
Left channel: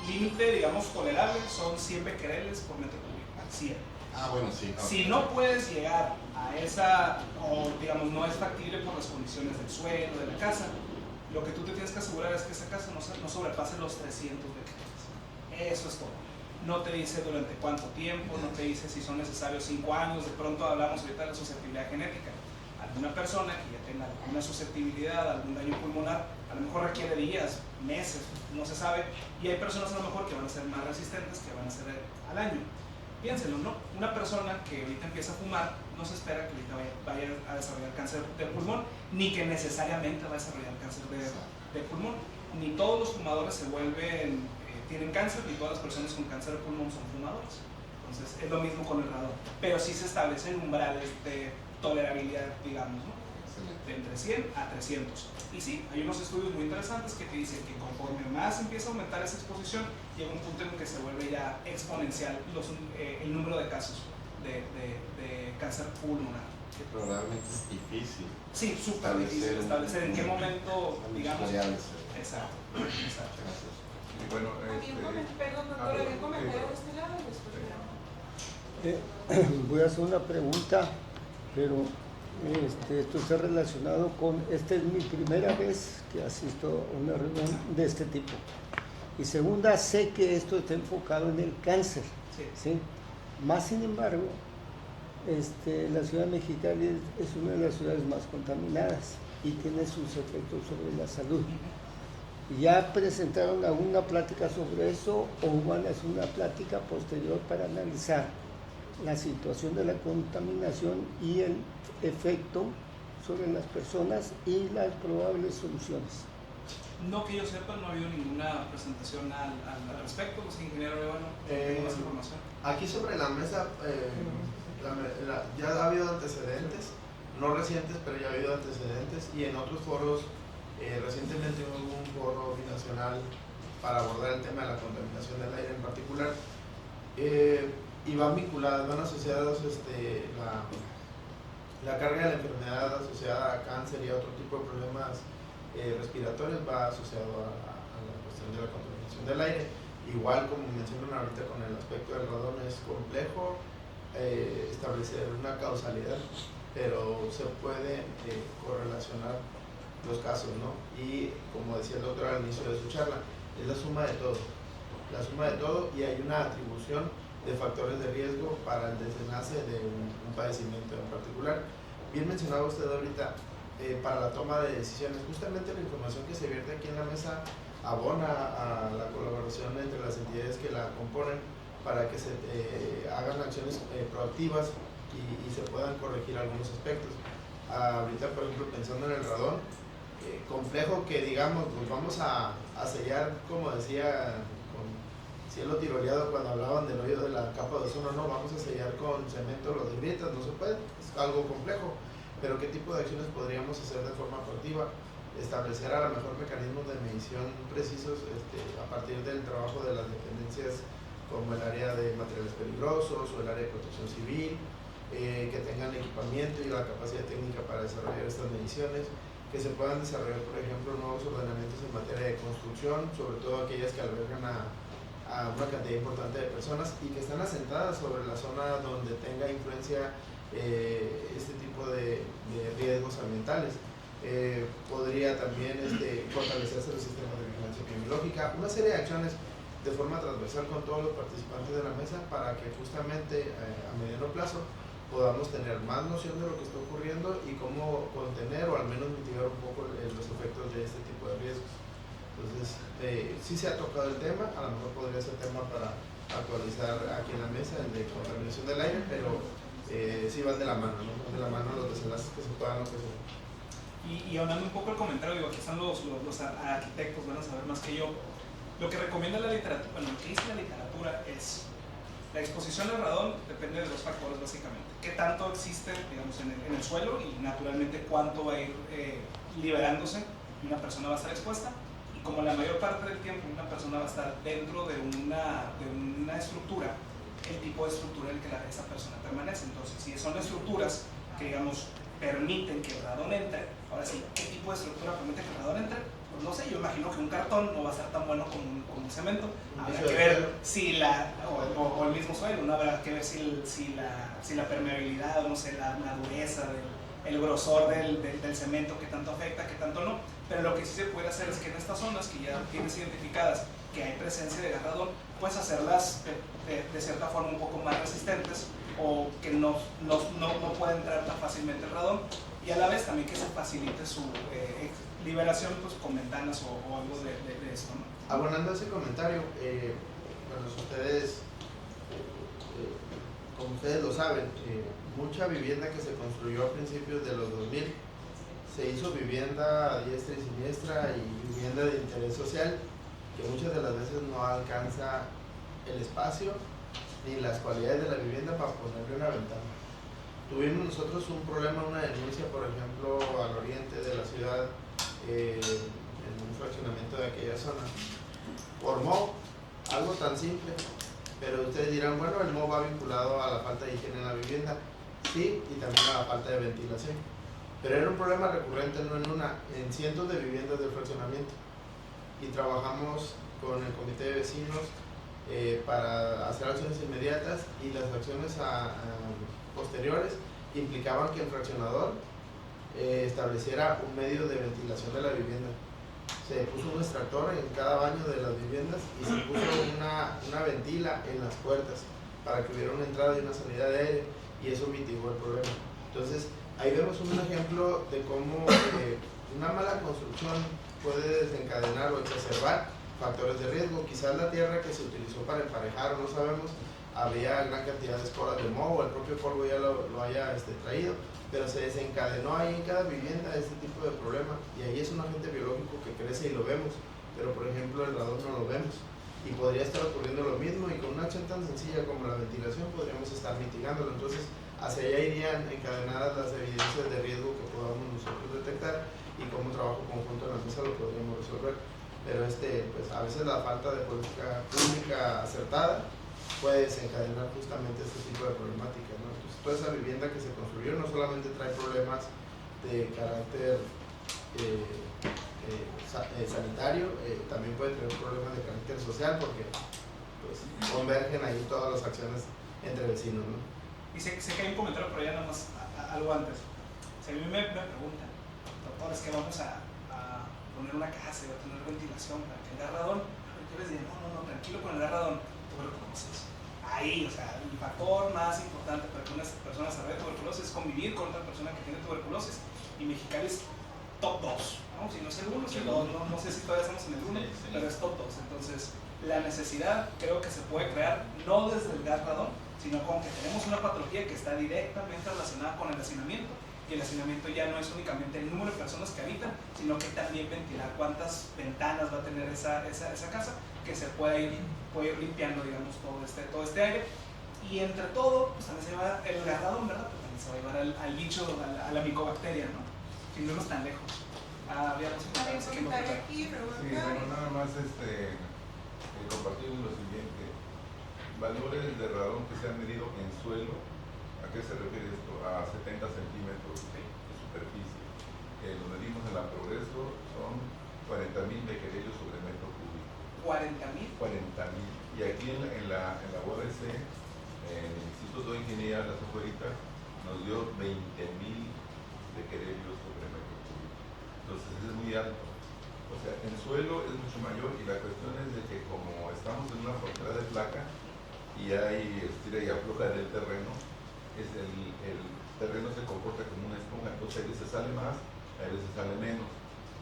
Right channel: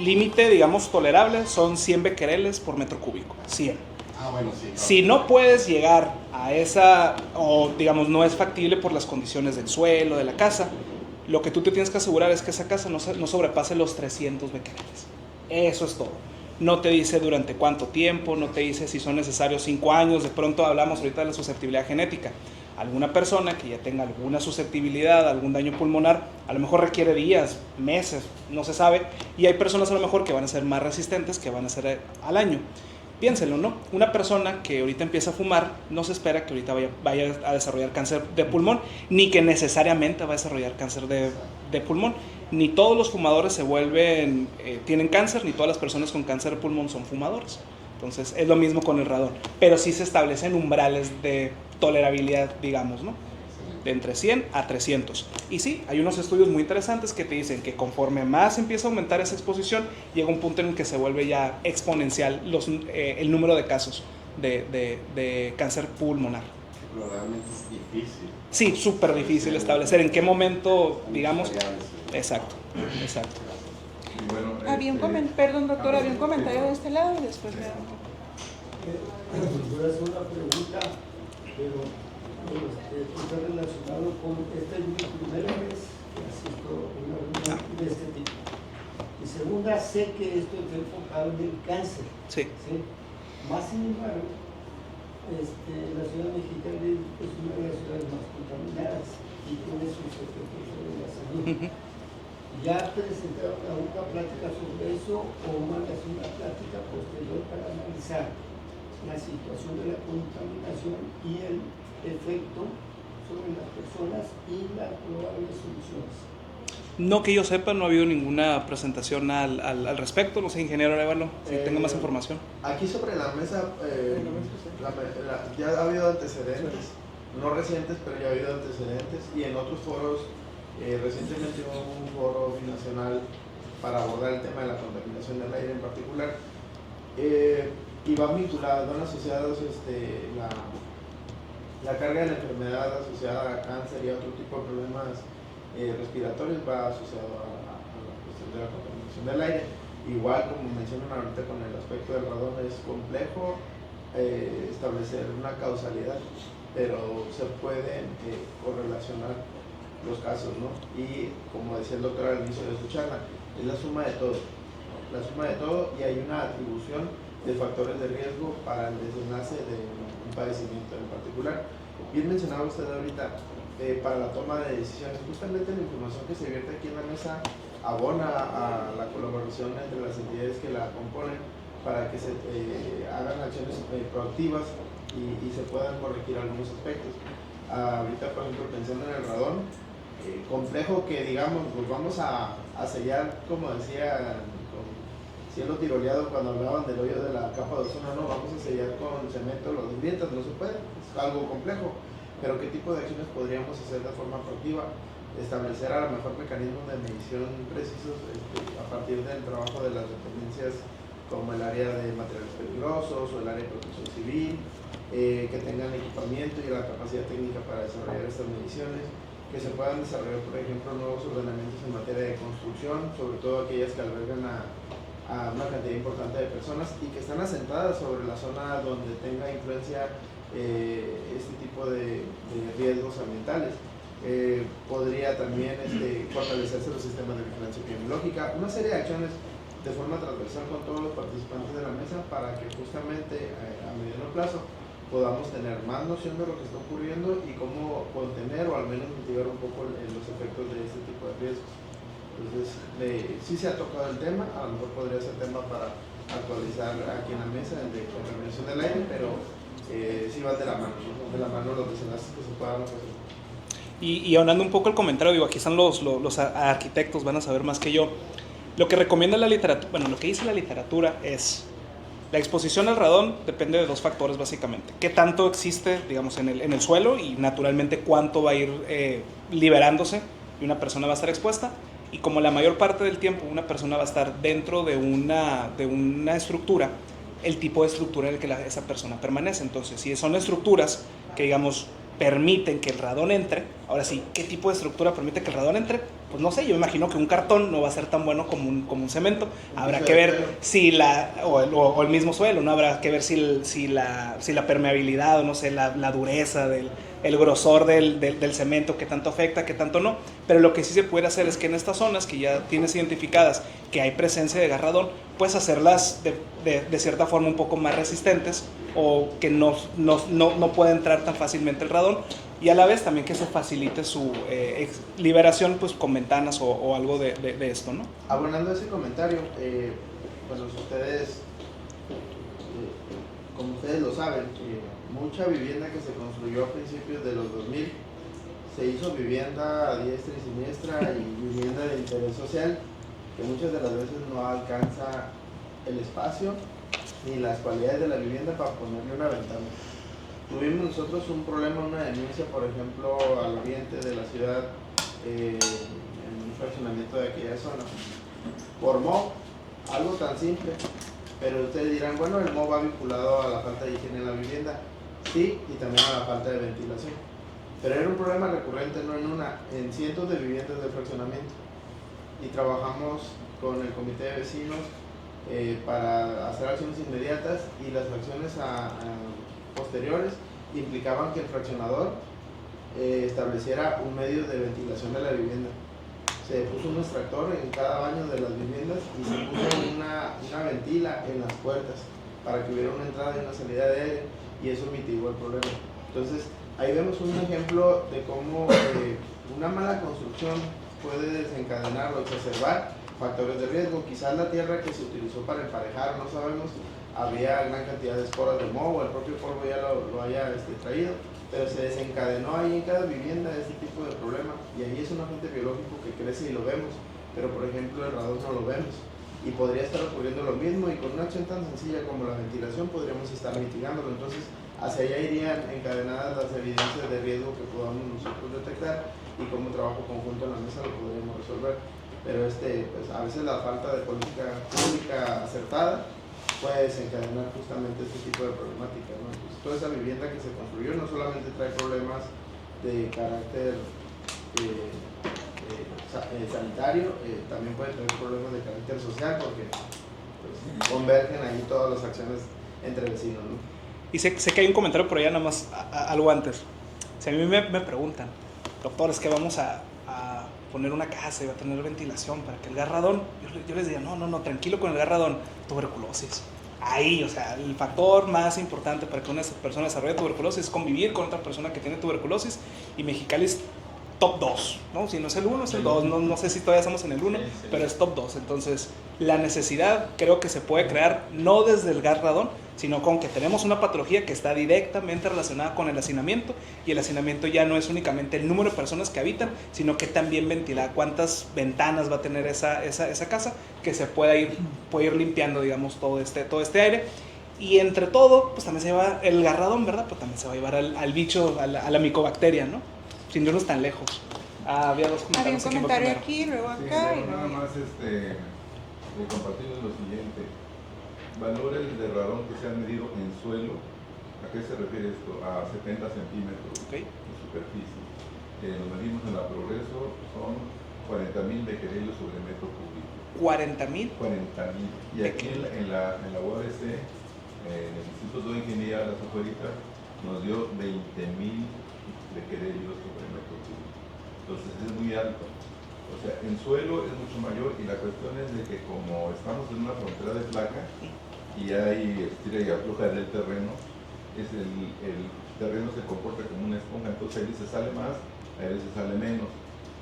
límite, digamos, tolerable son 100 becquereles por metro cúbico. 100. Ah, bueno, sí. Claro. Si no puedes llegar a esa, o digamos, no es factible por las condiciones del suelo, de la casa, lo que tú te tienes que asegurar es que esa casa no sobrepase los 300 becquereles. Eso es todo. No te dice durante cuánto tiempo, no te dice si son necesarios 5 años. De pronto hablamos ahorita de la susceptibilidad genética. Alguna persona que ya tenga alguna susceptibilidad, algún daño pulmonar, a lo mejor requiere días, meses, no se sabe. Y hay personas a lo mejor que van a ser más resistentes, que van a ser al año. Piénsenlo, ¿no? Una persona que ahorita empieza a fumar, no se espera que ahorita vaya a desarrollar cáncer de pulmón, ni que necesariamente va a desarrollar cáncer de pulmón. Ni todos los fumadores tienen cáncer, ni todas las personas con cáncer de pulmón son fumadores. Entonces es lo mismo con el radón, pero sí se establecen umbrales de tolerabilidad, digamos, ¿no? De entre 100 a 300. Y sí, hay unos estudios muy interesantes que te dicen que conforme más empieza a aumentar esa exposición, llega un punto en el que se vuelve ya exponencial el número de casos de cáncer pulmonar. Pero realmente es difícil. Sí, súper difícil establecer en qué momento, digamos. Exacto. Y bueno, Perdón, doctor, había un comentario de este lado y después voy a hacer una pregunta, pero esto está relacionado con, esta es mi primera vez que asisto a una reunión de este tipo. Y segunda, sé que esto está enfocado en el cáncer. Sí. Más sin embargo, la ciudad de Mexicali es una de las ciudades más contaminadas y tiene sus efectos sobre la salud. ¿Ya presentaron alguna plática sobre eso o van a hacer una plática posterior para analizar la situación de la contaminación y el efecto sobre las personas y las probables soluciones? No que yo sepa, no ha habido ninguna presentación al respecto. No sé, ingeniero Arevalo, si tenga más información. Aquí sobre la mesa ya ha habido antecedentes, no recientes, pero ya ha habido antecedentes, y en otros foros, recientemente hubo un foro binacional para abordar el tema de la contaminación del aire en particular, y van vinculadas, van asociados la carga de la enfermedad asociada a cáncer y a otro tipo de problemas respiratorios va asociado a la cuestión de la contaminación del aire. Igual, como mencionan ahorita con el aspecto del radón, es complejo establecer una causalidad, pero se pueden correlacionar los casos, ¿no? Y como decía el doctor al inicio de su charla, es la suma de todo, y hay una atribución de factores de riesgo para el desenlace de un padecimiento en particular. Bien mencionaba usted ahorita, para la toma de decisiones, justamente la información que se vierte aquí en la mesa abona a la colaboración entre las entidades que la componen para que se hagan acciones proactivas y se puedan corregir algunos aspectos. Ahorita, por ejemplo, pensando en el radón, complejo que digamos, pues vamos a sellar, como decía con cielo tiroleado cuando hablaban del hoyo de la capa de ozono, no, vamos a sellar con cemento los de grietas, no se puede, es algo complejo, pero qué tipo de acciones podríamos hacer de forma proactiva, establecer a lo mejor mecanismos de medición precisos a partir del trabajo de las dependencias como el área de materiales peligrosos o el área de protección civil, que tengan equipamiento y la capacidad técnica para desarrollar estas mediciones, que se puedan desarrollar, por ejemplo, nuevos ordenamientos en materia de construcción, sobre todo aquellas que albergan a a una cantidad importante de personas y que están asentadas sobre la zona donde tenga influencia este tipo de riesgos ambientales. Podría también fortalecerse los sistemas de vigilancia epidemiológica, una serie de acciones de forma transversal con todos los participantes de la mesa para que justamente a mediano plazo podamos tener más noción de lo que está ocurriendo y cómo contener o al menos mitigar un poco los efectos de este tipo de riesgos. Entonces, sí se ha tocado el tema, a lo mejor podría ser tema para actualizar aquí en la mesa, el de contaminación del aire, pero sí van de la mano, ¿no? Van de la mano los desenlaces que se puedan ofrecer. Y aunando un poco el comentario, digo, aquí están los arquitectos, van a saber más que yo. Lo que recomienda la literatura, bueno, lo que dice la literatura es la exposición al radón depende de dos factores básicamente. Qué tanto existe, digamos, en el suelo y naturalmente cuánto va a ir liberándose y una persona va a estar expuesta. Y como la mayor parte del tiempo una persona va a estar dentro de una estructura, el tipo de estructura en el que esa persona permanece. Entonces, si son estructuras que, digamos, permiten que el radón entre, ahora sí, ¿qué tipo de estructura permite que el radón entre? Pues no sé, yo me imagino que un cartón no va a ser tan bueno como un cemento. Habrá que ver si o el mismo suelo, ¿no? Habrá que ver si la permeabilidad, o no sé, la dureza el grosor del cemento, qué tanto afecta, qué tanto no. Pero lo que sí se puede hacer es que en estas zonas que ya tienes identificadas que hay presencia de gas radón, puedes hacerlas de cierta forma un poco más resistentes o que no pueda entrar tan fácilmente el radón, y a la vez también que se facilite su liberación pues con ventanas o algo de esto, ¿no? Abonando ese comentario, bueno, ustedes, como ustedes lo saben, mucha vivienda que se construyó a principios de los 2000 se hizo vivienda a diestra y siniestra y vivienda de interés social que muchas de las veces no alcanza el espacio ni las cualidades de la vivienda para ponerle una ventana. Tuvimos nosotros un problema, una denuncia, por ejemplo, al oriente de la ciudad, en un fraccionamiento de aquella zona, por moho, algo tan simple, pero ustedes dirán, bueno, el moho va vinculado a la falta de higiene en la vivienda. Sí, y también a la falta de ventilación. Pero era un problema recurrente, no en cientos de viviendas del fraccionamiento. Y trabajamos con el comité de vecinos para hacer acciones inmediatas, y las acciones posteriores implicaban que el fraccionador estableciera un medio de ventilación de la vivienda. Se puso un extractor en cada baño de las viviendas y se puso una ventila en las puertas para que hubiera una entrada y una salida de aire, y eso mitigó el problema. Entonces, ahí vemos un ejemplo de cómo una mala construcción puede desencadenar o exacerbar factores de riesgo. Quizás la tierra que se utilizó para emparejar, no sabemos, había gran cantidad de esporas de moho, el propio polvo ya lo haya traído, pero se desencadenó ahí en cada vivienda este tipo de problema, y ahí es un agente biológico que crece y lo vemos, pero por ejemplo el radón no lo vemos. Y podría estar ocurriendo lo mismo, y con una acción tan sencilla como la ventilación podríamos estar mitigándolo. Entonces, hacia allá irían encadenadas las evidencias de riesgo que podamos nosotros detectar, y como trabajo conjunto en la mesa lo podríamos resolver. Pero pues a veces la falta de política pública acertada puede desencadenar justamente este tipo de problemáticas, ¿no? Pues toda esa vivienda que se construyó no solamente trae problemas de carácter sanitario, también puede tener problemas de carácter social, porque pues, convergen ahí todas las acciones entre vecinos, ¿no? Y sé que hay un comentario por allá, nada más algo antes. Si a mí me preguntan, doctor, es que vamos a poner una casa y va a tener ventilación para que el gas radón, yo les diría, no, tranquilo con el gas radón, tuberculosis. Ahí, o sea, el factor más importante para que una persona desarrolle tuberculosis es convivir con otra persona que tiene tuberculosis, y Mexicali es top 2, ¿no? Si no es el 1, es el 2, no sé si todavía estamos en el 1, pero es top 2. Entonces, la necesidad creo que se puede crear no desde el gas radón, sino con que tenemos una patología que está directamente relacionada con el hacinamiento, y el hacinamiento ya no es únicamente el número de personas que habitan, sino que también ventila cuántas ventanas va a tener esa casa, que se pueda ir limpiando, digamos, todo este aire. Y entre todo, pues también se lleva el gas radón, ¿verdad? Pues también se va a llevar al bicho, a la micobacteria, ¿no? Sin irnos tan lejos. Había dos comentarios. Había un comentario aquí, luego acá. Sí, nada más compartirles lo siguiente. Valores de radón que se han medido en suelo. ¿A qué se refiere esto? A 70 centímetros de superficie. Lo medimos en la Progreso, son 40.000 becquereles sobre metro cúbico. 40,000. 40,000. Y aquí en la UABC, el Instituto de Ingeniería de las Afueritas, nos dio 20,000 becquerelios sobre metro cúbico. Entonces es muy alto. O sea, en suelo es mucho mayor y la cuestión es de que como estamos en una frontera de placa y hay estira y afloja del terreno, el terreno se comporta como una esponja, entonces a veces sale más, a veces sale menos.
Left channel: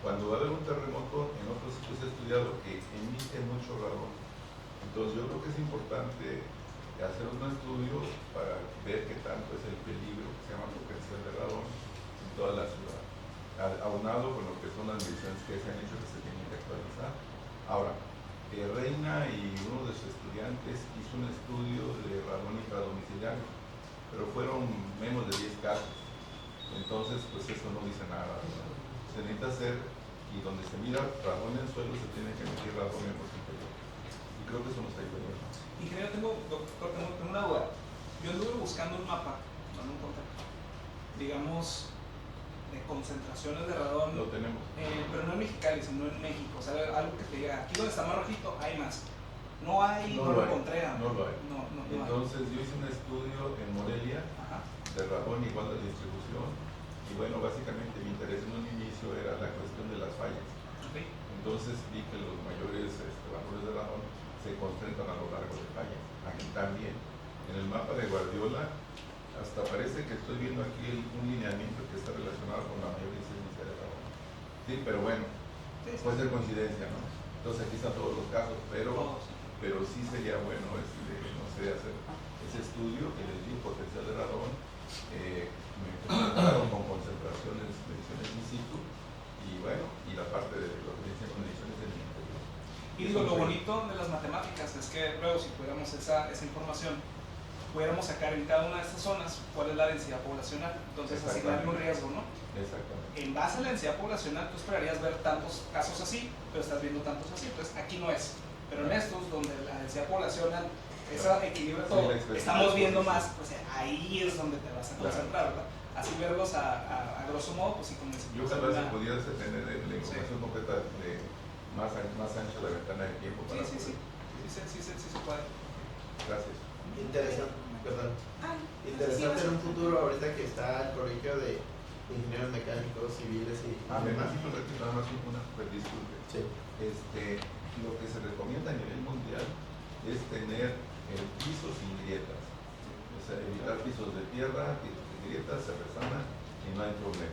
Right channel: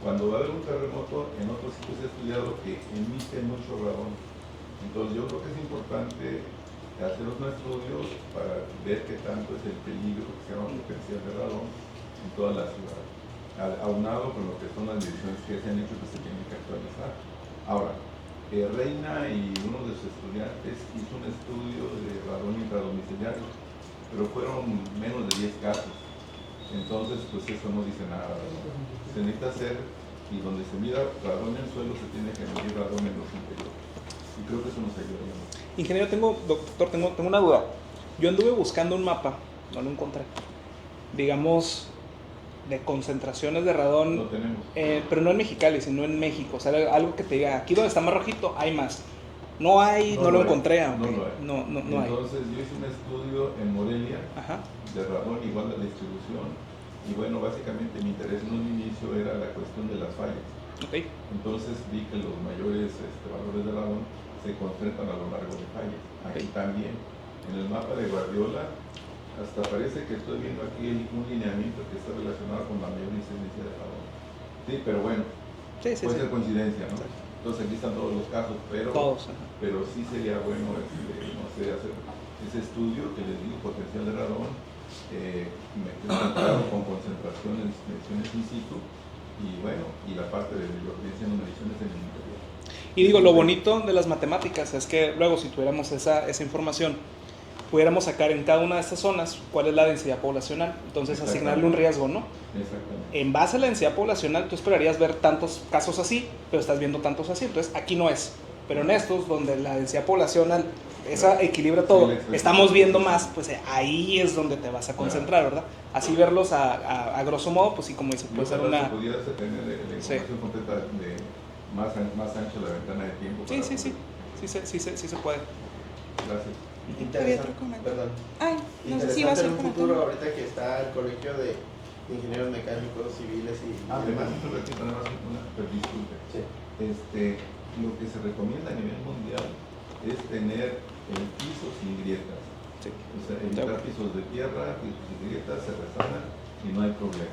Cuando va a haber un terremoto, en otros sitios he estudiado que emite mucho radón. Entonces yo creo que es importante hacer un estudio para ver qué tanto es el peligro que se llama potencial de radón en toda la ciudad, aunado con lo que son las mediciones que se han hecho que se tienen que actualizar. Ahora, Reina y uno de sus estudiantes hizo un estudio de radón intradomiciliario, pero fueron menos de 10 casos. Entonces, pues eso no dice nada, ¿verdad? Se necesita hacer, y donde se mira radón en el suelo, se tiene que medir radón en los interiores. Y creo que eso nos ayuda. Ingeniero, doctor, tengo una duda. Yo anduve buscando un mapa, no lo encontré. Digamos, de concentraciones de radón. No tenemos. Pero no en Mexicali, sino en México. O sea, algo que te diga, aquí donde está más rojito hay más. No hay, no lo encontré. No lo hay. No hay. Entonces yo hice un estudio en Morelia de radón igual de la distribución. Y bueno, básicamente mi interés en un inicio era la cuestión de las fallas. Okay. Entonces vi que los mayores valores de radón se concentran a lo largo de fallas. Aquí también. En el mapa de Guardiola, hasta parece que estoy viendo aquí un lineamiento que está relacionado con la mayor incidencia de radón. Sí, pero bueno, puede ser coincidencia, ¿no? Entonces aquí están todos los casos, pero sí sería bueno no sé, hacer ese estudio que les digo, potencial de radón, mezclado con concentraciones, mediciones in situ, y bueno, y la parte de lo que dicen mediciones en el interior. Y digo, lo bonito de las matemáticas es que luego si tuviéramos esa información, pudiéramos sacar en cada una de estas zonas cuál es la densidad poblacional, entonces asignarle un riesgo, ¿no? Exactamente. En base a la densidad poblacional, tú esperarías ver tantos casos así, pero estás viendo tantos así, entonces aquí no es. Pero en estos, donde la densidad poblacional esa equilibra todo, estamos viendo más, pues ahí es donde te vas a concentrar, ¿verdad? Así verlos a grosso modo, pues sí, como dices, puede ser una... Pudiese tener la información completa de más ancha la ventana de tiempo. Sí se puede. Gracias. Interesante, perdón. Interesante en un futuro, ahorita que está el colegio de ingenieros mecánicos, civiles y demás. Nada más una disculpe. Sí. Lo que se recomienda a nivel mundial es tener el piso sin grietas. Sí. O sea, evitar pisos de tierra, grietas, se resanan y no hay problema.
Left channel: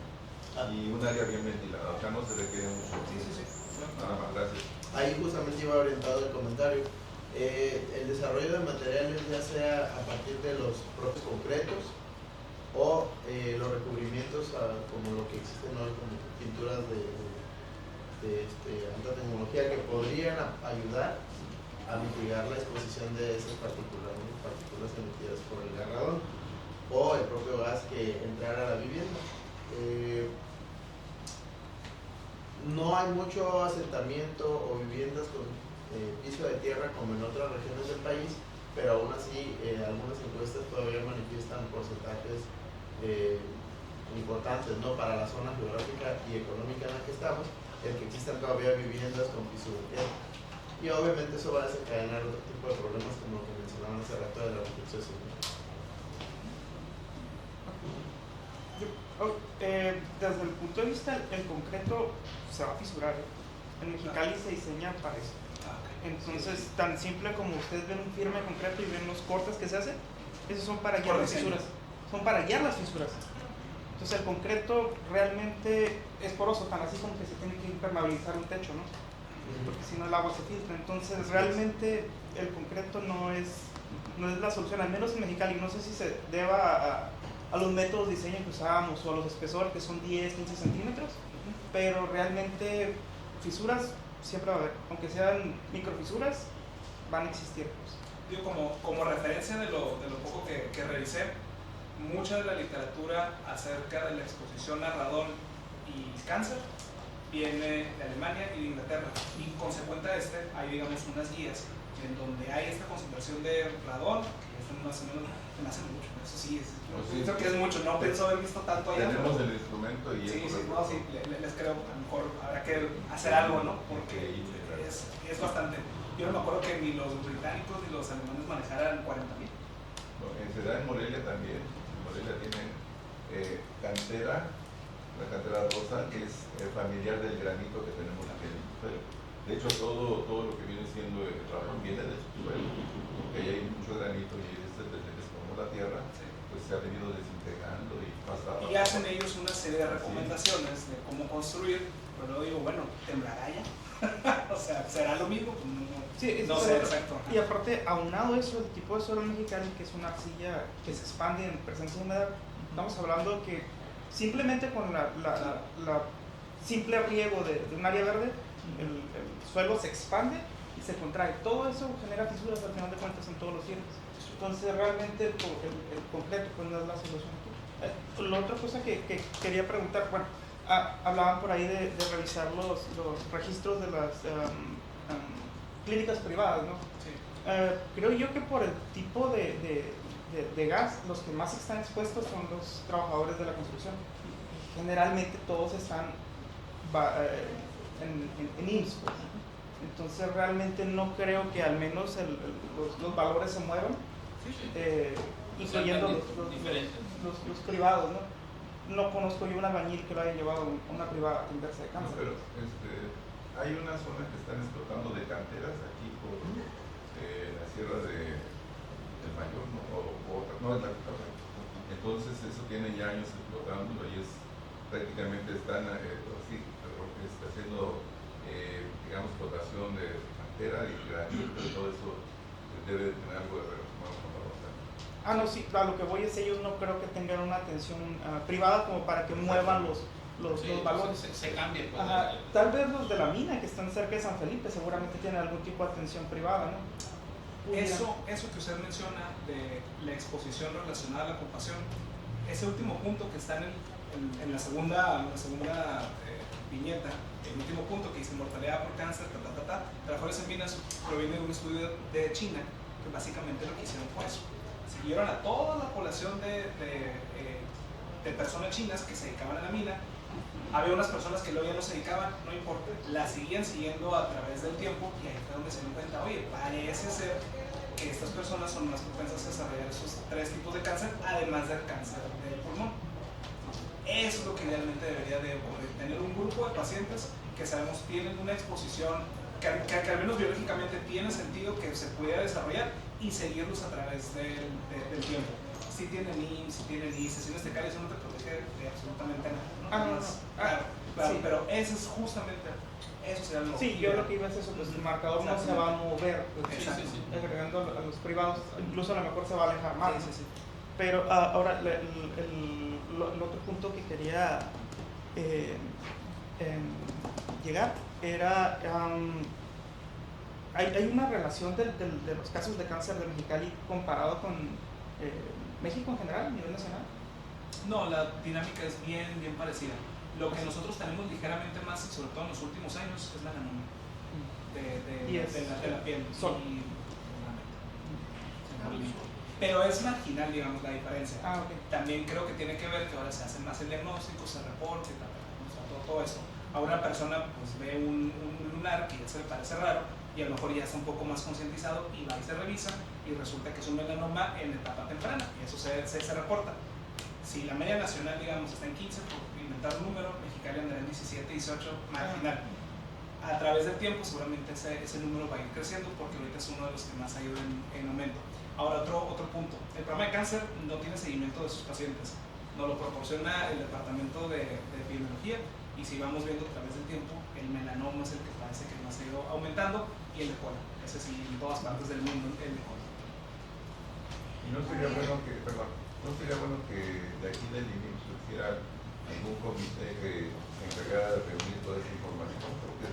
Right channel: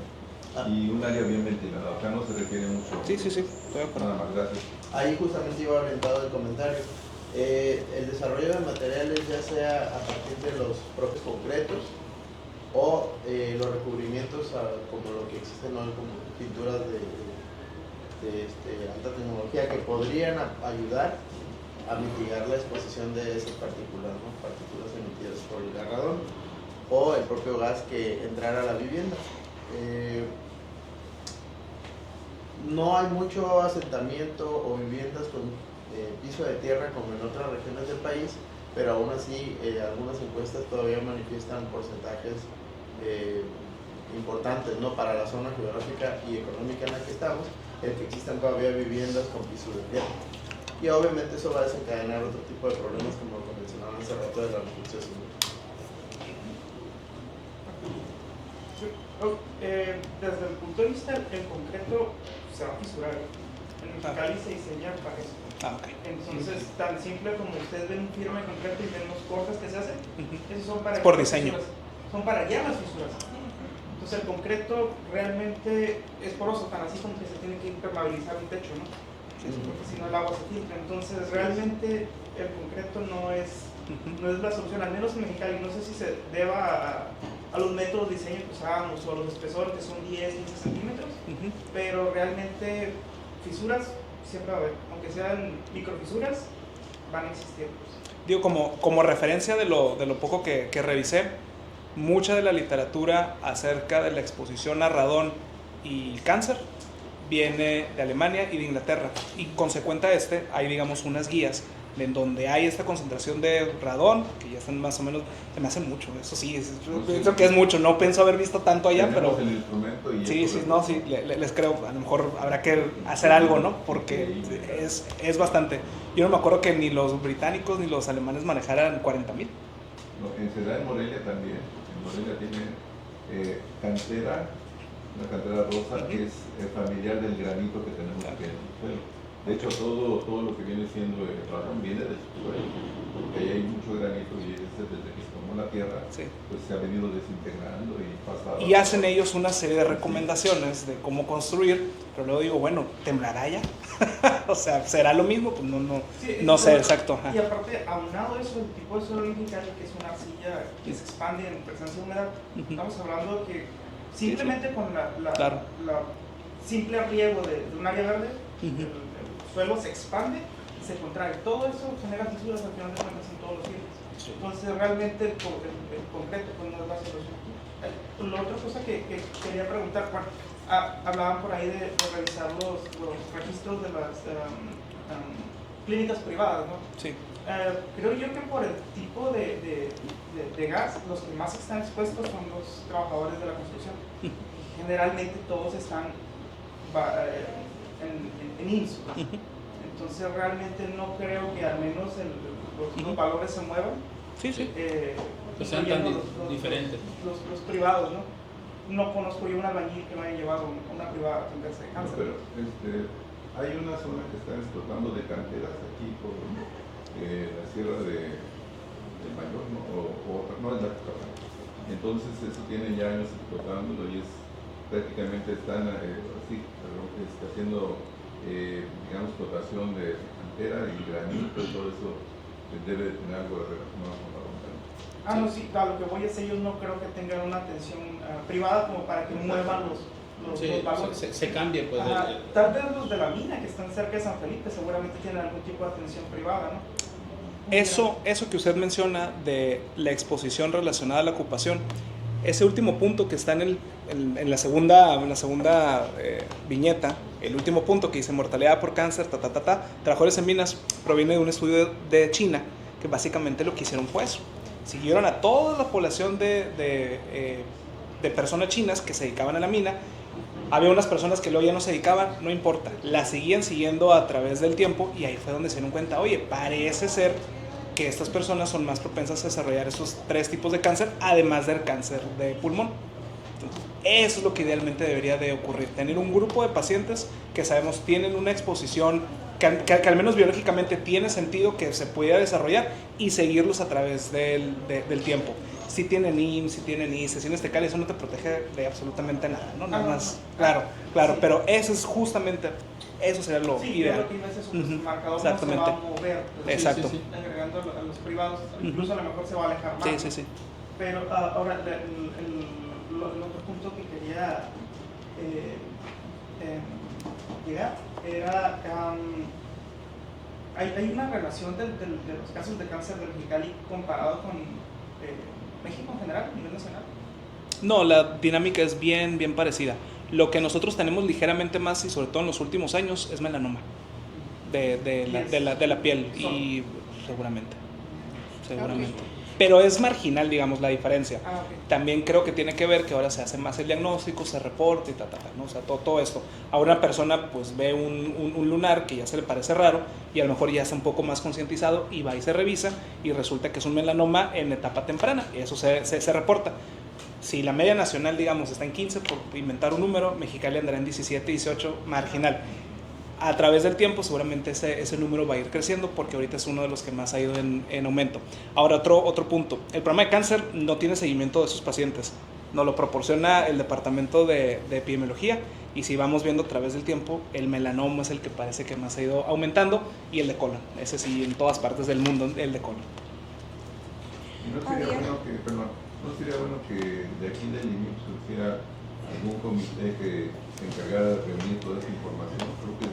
Y un área bien ventilada. Acá no se requiere mucho. Sí. Nada más, gracias. Ahí justamente iba orientado el comentario. El desarrollo de materiales, ya sea a partir de los propios concretos o los recubrimientos como lo que existen hoy como pinturas de alta tecnología que podrían ayudar a mitigar la exposición de esas partículas, ¿no? Partículas emitidas por el radón o el propio gas que entrara a la vivienda. No hay mucho asentamiento o viviendas con piso de tierra como en otras regiones del país, pero aún así algunas encuestas todavía manifiestan porcentajes importantes, ¿no? Para la zona geográfica y económica en la que estamos, el que existan todavía viviendas con piso de tierra. Y obviamente eso va a desencadenar otro tipo de problemas como mencionamos hace rato de la reflexión. Desde el punto de vista del concreto se va a fisurar. En Mexicali se diseña para eso. Entonces, tan simple como ustedes ven un firme concreto y ven los cortes que se hacen, esos son para por diseño. Son para guiar las fisuras. Entonces el concreto realmente es poroso, tan así como que se tiene que impermeabilizar un techo, ¿no? Porque si no el agua se filtra. Entonces realmente el concreto no es la solución, al menos en Mexicali. No sé si se deba a los métodos de diseño que usábamos o a los espesores que son 10, 15 centímetros, pero realmente fisuras siempre va a haber, aunque sean microfisuras, van a existir. Pues. Digo, como referencia de lo poco que revisé, mucha de la literatura acerca de la exposición a radón y cáncer viene de Alemania y de Inglaterra, y consecuente a hay digamos unas guías en donde hay esta concentración de radón, que ya están más o menos, se me hace mucho, eso sí, yo pienso que es mucho, no pienso haber visto tanto allá, pero el instrumento y sí, les creo, a lo mejor habrá que hacer algo, ¿no? Porque es bastante. Yo no me acuerdo que ni los británicos ni los alemanes manejaran 40,000. No, en Ciudad Morelia también, en Morelia tiene cantera, una cantera rosa, que es familiar del granito que tenemos aquí en el suelo. De hecho, todo lo que viene siendo el radón viene del suelo, porque ahí hay mucho granito y desde que se formó la tierra, pues se ha venido desintegrando y pasa. Y hacen ellos una serie de recomendaciones de cómo construir, pero luego digo, bueno, ¿temblará ya? O sea, ¿será lo mismo? Pues no sé, exacto. Y aparte, aunado eso, el tipo de suelo mexicano, que es una arcilla que se expande en presencia de humedad, estamos hablando que simplemente con la simple riego de un área verde, el suelo se expande y se contrae. Todo eso genera fisuras al final de cuentas en todos los niveles. Entonces, realmente, el concreto pues, no es la solución. La otra cosa que quería preguntar, hablaban por ahí de revisar los registros de las clínicas privadas, ¿no? Sí. Creo yo que por el tipo de gas, los que más están expuestos son los trabajadores de la construcción. Generalmente todos están en IMSS. Entonces realmente no creo que al menos los valores se muevan. Sí. Incluyendo los privados, ¿no? No conozco yo un albañil que lo haya llevado a una privada a atenderse de cáncer. No, pero hay una zona que están explotando de canteras aquí por la sierra del Mayor, ¿no? No es la que está. Entonces eso tiene ya años explotándolo y prácticamente están haciendo digamos explotación de cantera y granito y todo eso debe de tener algo relacionado con la montaña. No, sí, a lo que voy es ellos no creo que tengan una atención privada como para que muevan los valores. Se cambie, pues. Tal vez los de la mina que están cerca de San Felipe seguramente tienen algún tipo de atención privada, ¿no? Eso que usted menciona de la exposición relacionada a la ocupación, ese último punto que está en la segunda viñeta, el último punto que dice mortalidad por cáncer, trabajadores en minas, proviene de un estudio de China, que básicamente lo que hicieron fue eso. Siguieron a toda la población de personas chinas que se dedicaban a la mina. Había unas personas que luego ya no se dedicaban, no importa, las seguían siguiendo a través del tiempo y ahí fue donde se dieron cuenta, oye, parece ser que estas personas son más propensas a desarrollar esos 3 tipos de cáncer, además del cáncer de pulmón. Entonces, eso es lo que idealmente debería de ocurrir, tener un grupo de pacientes que sabemos tienen una exposición que al menos biológicamente tiene sentido que se pudiera desarrollar y seguirlos a través del tiempo. Si tienen IMSS, si tienen ICE, si tienes TECAL, eso no te protege de absolutamente nada, ¿no? Nada más, claro, sí. Pero eso es justamente, eso sería lo ideal. Yo lo que iba a decir es el marcador no se va a mover, exacto. Agregando a los privados, incluso a lo mejor se va a alejar más. Sí. Pero ahora, el otro punto que quería llegar era, hay una relación de los casos de cáncer del Mexicali comparado con México en general, a nivel nacional. No, la dinámica es bien parecida. Lo que nosotros tenemos ligeramente más, y sobre todo en los últimos años, es melanoma de la piel. Y seguramente. Pero es marginal, digamos, la diferencia. Okay. También creo que tiene que ver que ahora se hace más el diagnóstico, se reporta y ¿no? O sea, todo esto. Ahora una persona pues ve un lunar que ya se le parece raro y a lo mejor ya está un poco más concientizado y va y se revisa y resulta que es un melanoma en etapa temprana. Eso se reporta. Si la media nacional, digamos, está en 15, por inventar un número, Mexicali andará en 17, 18, marginal. A través del tiempo seguramente ese número va a ir creciendo porque ahorita es uno de los que más ha ido en aumento. Ahora otro punto, el programa de cáncer no tiene seguimiento de sus pacientes, nos lo proporciona el departamento de epidemiología y si vamos viendo a través del tiempo, el melanoma es el que parece que más ha ido aumentando y el de colon, ese sí en todas partes del mundo, el de colon. ¿Y no sería bueno que de aquí del IMSS surgiera algún comité que se encargara de reunir toda esa información? Creo que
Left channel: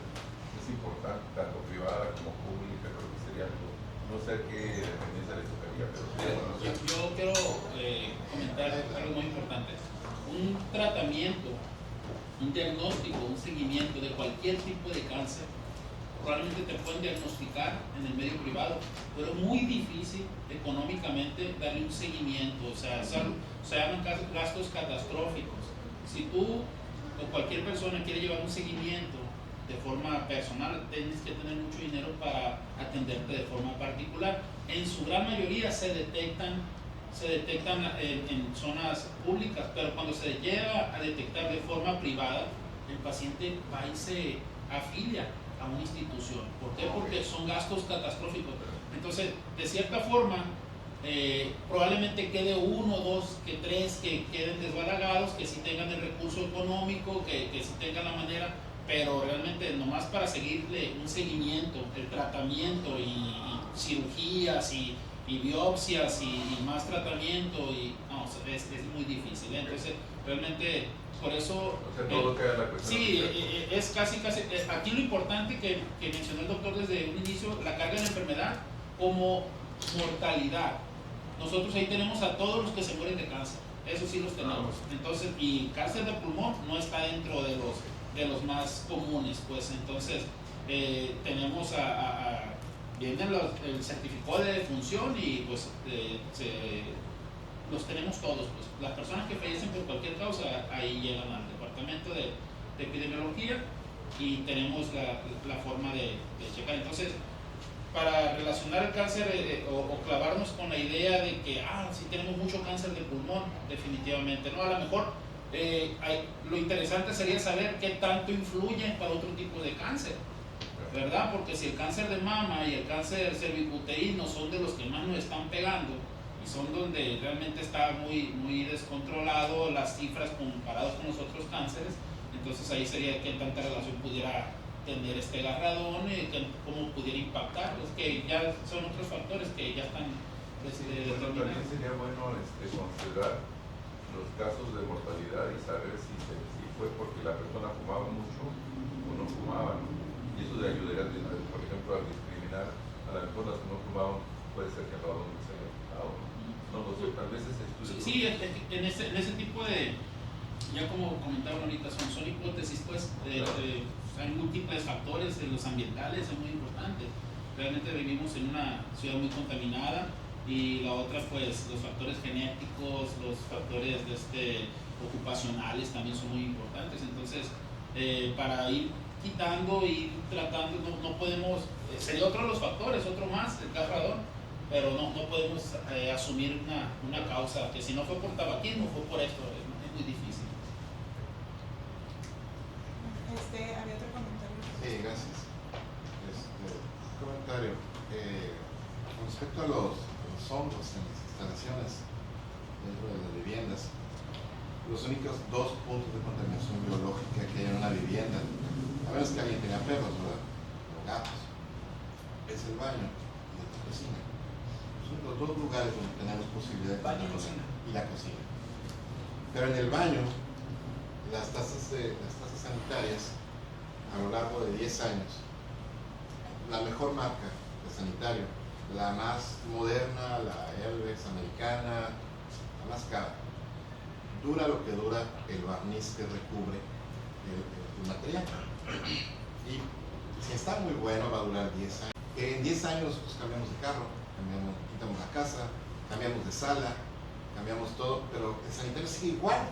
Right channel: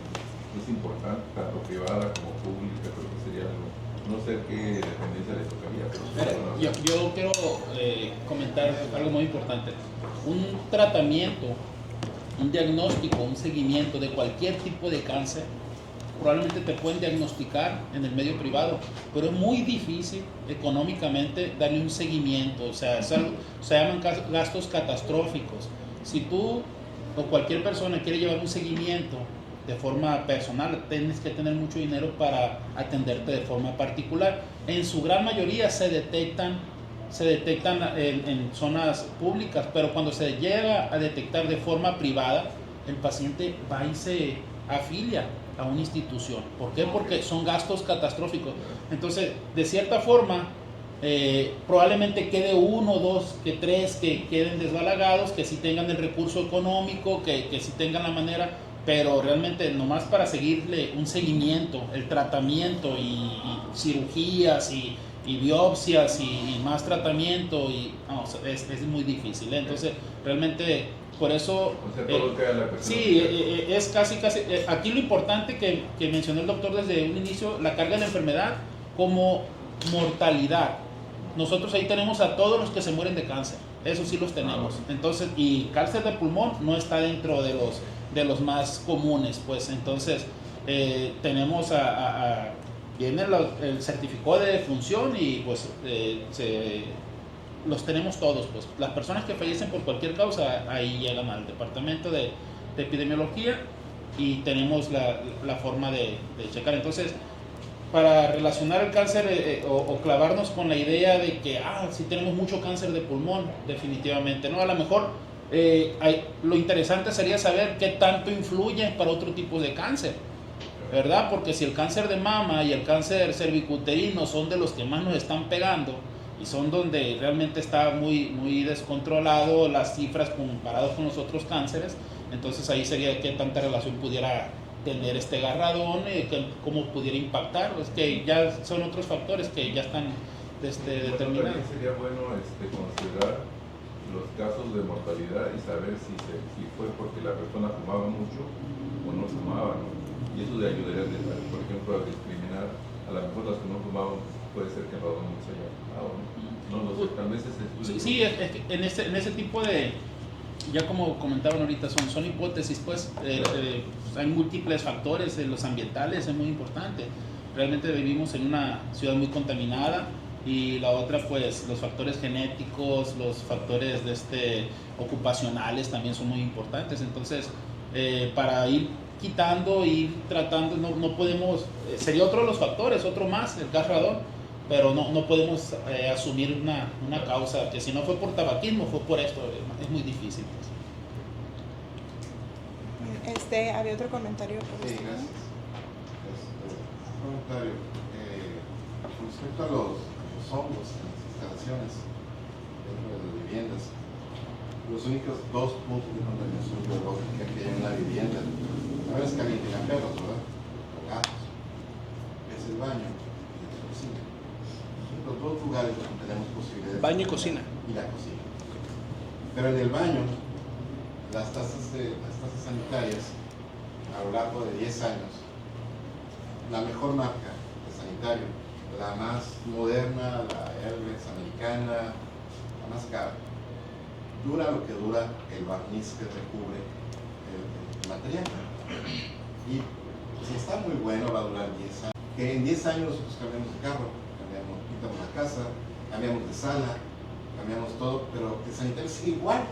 es importante, tanto privada como pública, creo que sería algo, no sé qué dependencia les tocaría. Pero yo quiero comentar algo muy importante. Un tratamiento, un diagnóstico, un seguimiento de cualquier tipo de cáncer probablemente te pueden diagnosticar en el medio privado, pero es muy difícil económicamente darle un seguimiento, o sea, se llaman gastos catastróficos. Si tú o cualquier persona quiere llevar un seguimiento de forma personal, tienes que tener mucho dinero para atenderte de forma particular. En su gran mayoría se detectan en zonas públicas, pero cuando se llega a detectar de forma privada, el paciente va y se afilia a una institución. ¿Por qué? Porque son gastos catastróficos. Entonces, de cierta forma, probablemente quede uno, dos, que tres que queden desbalagados, que sí tengan el recurso económico, que sí tengan la manera, pero realmente nomás para seguirle un seguimiento, el tratamiento y cirugías y biopsias y más tratamiento, no, es muy difícil, ¿eh? Entonces, realmente, por eso, sí, es casi, aquí lo importante que mencionó el doctor desde un inicio, la carga de la enfermedad como mortalidad. Nosotros ahí tenemos a todos los que se mueren de cáncer, eso sí los tenemos. Entonces, y cáncer de pulmón no está dentro de los más comunes, pues. Entonces, tenemos viene el certificado de defunción y pues los tenemos todos, pues. Las personas que fallecen por cualquier causa, ahí llegan al departamento de epidemiología y tenemos la forma de checar. Entonces, para relacionar el cáncer o clavarnos con la idea de que sí tenemos mucho cáncer de pulmón, definitivamente no. A lo mejor lo interesante sería saber qué tanto influye para otro tipo de cáncer, ¿verdad? Porque si el cáncer de mama y el cáncer cervicuterino son de los que más nos están pegando y son donde realmente está muy, muy descontrolado las cifras comparadas con los otros cánceres, entonces ahí sería qué tanta relación pudiera tener este garradón, cómo pudiera impactar. Es que ya son otros factores que ya están determinados. También sería bueno considerar los casos de mortalidad y saber si fue porque la persona fumaba mucho o no fumaba, ¿no? Y eso le ayudaría, por ejemplo, a discriminar. A lo mejor las que no fumaban puede ser que el radón no se haya fumado, ¿no? No sé, tal vez ese estudio. Sí, en ese tipo de, ya como comentaban ahorita, son hipótesis, pues. Hay múltiples factores, los ambientales es muy importante. Realmente vivimos en una ciudad muy contaminada y la otra, pues, los factores genéticos, los factores ocupacionales también son muy importantes. Entonces, para ir quitando y tratando, no podemos, sería otro de los factores, otro más, el gas radón, pero no podemos asumir una causa que si no fue por tabaquismo, fue por esto, es muy difícil. Había otro comentario. Sí, gracias. Un comentario. Con respecto a los hongos en las instalaciones dentro de las viviendas, los únicos dos puntos de contaminación biológica que hay en una vivienda, no es que alguien tenga perros, ¿verdad? O gatos. Es el baño y la cocina. Son los dos lugares donde tenemos posibilidades. Baño y cocina. Y la cocina. Pero en el baño, las tasas sanitarias a lo largo de 10 años, la mejor marca de sanitario, la más moderna, la Hermes americana, la más cara, dura lo que dura el barniz que recubre el material. Y si está muy bueno, va a durar 10 años. Que en 10 años nosotros cambiamos de carro, quitamos la casa, cambiamos de sala, cambiamos todo, pero el sanitario sigue igual.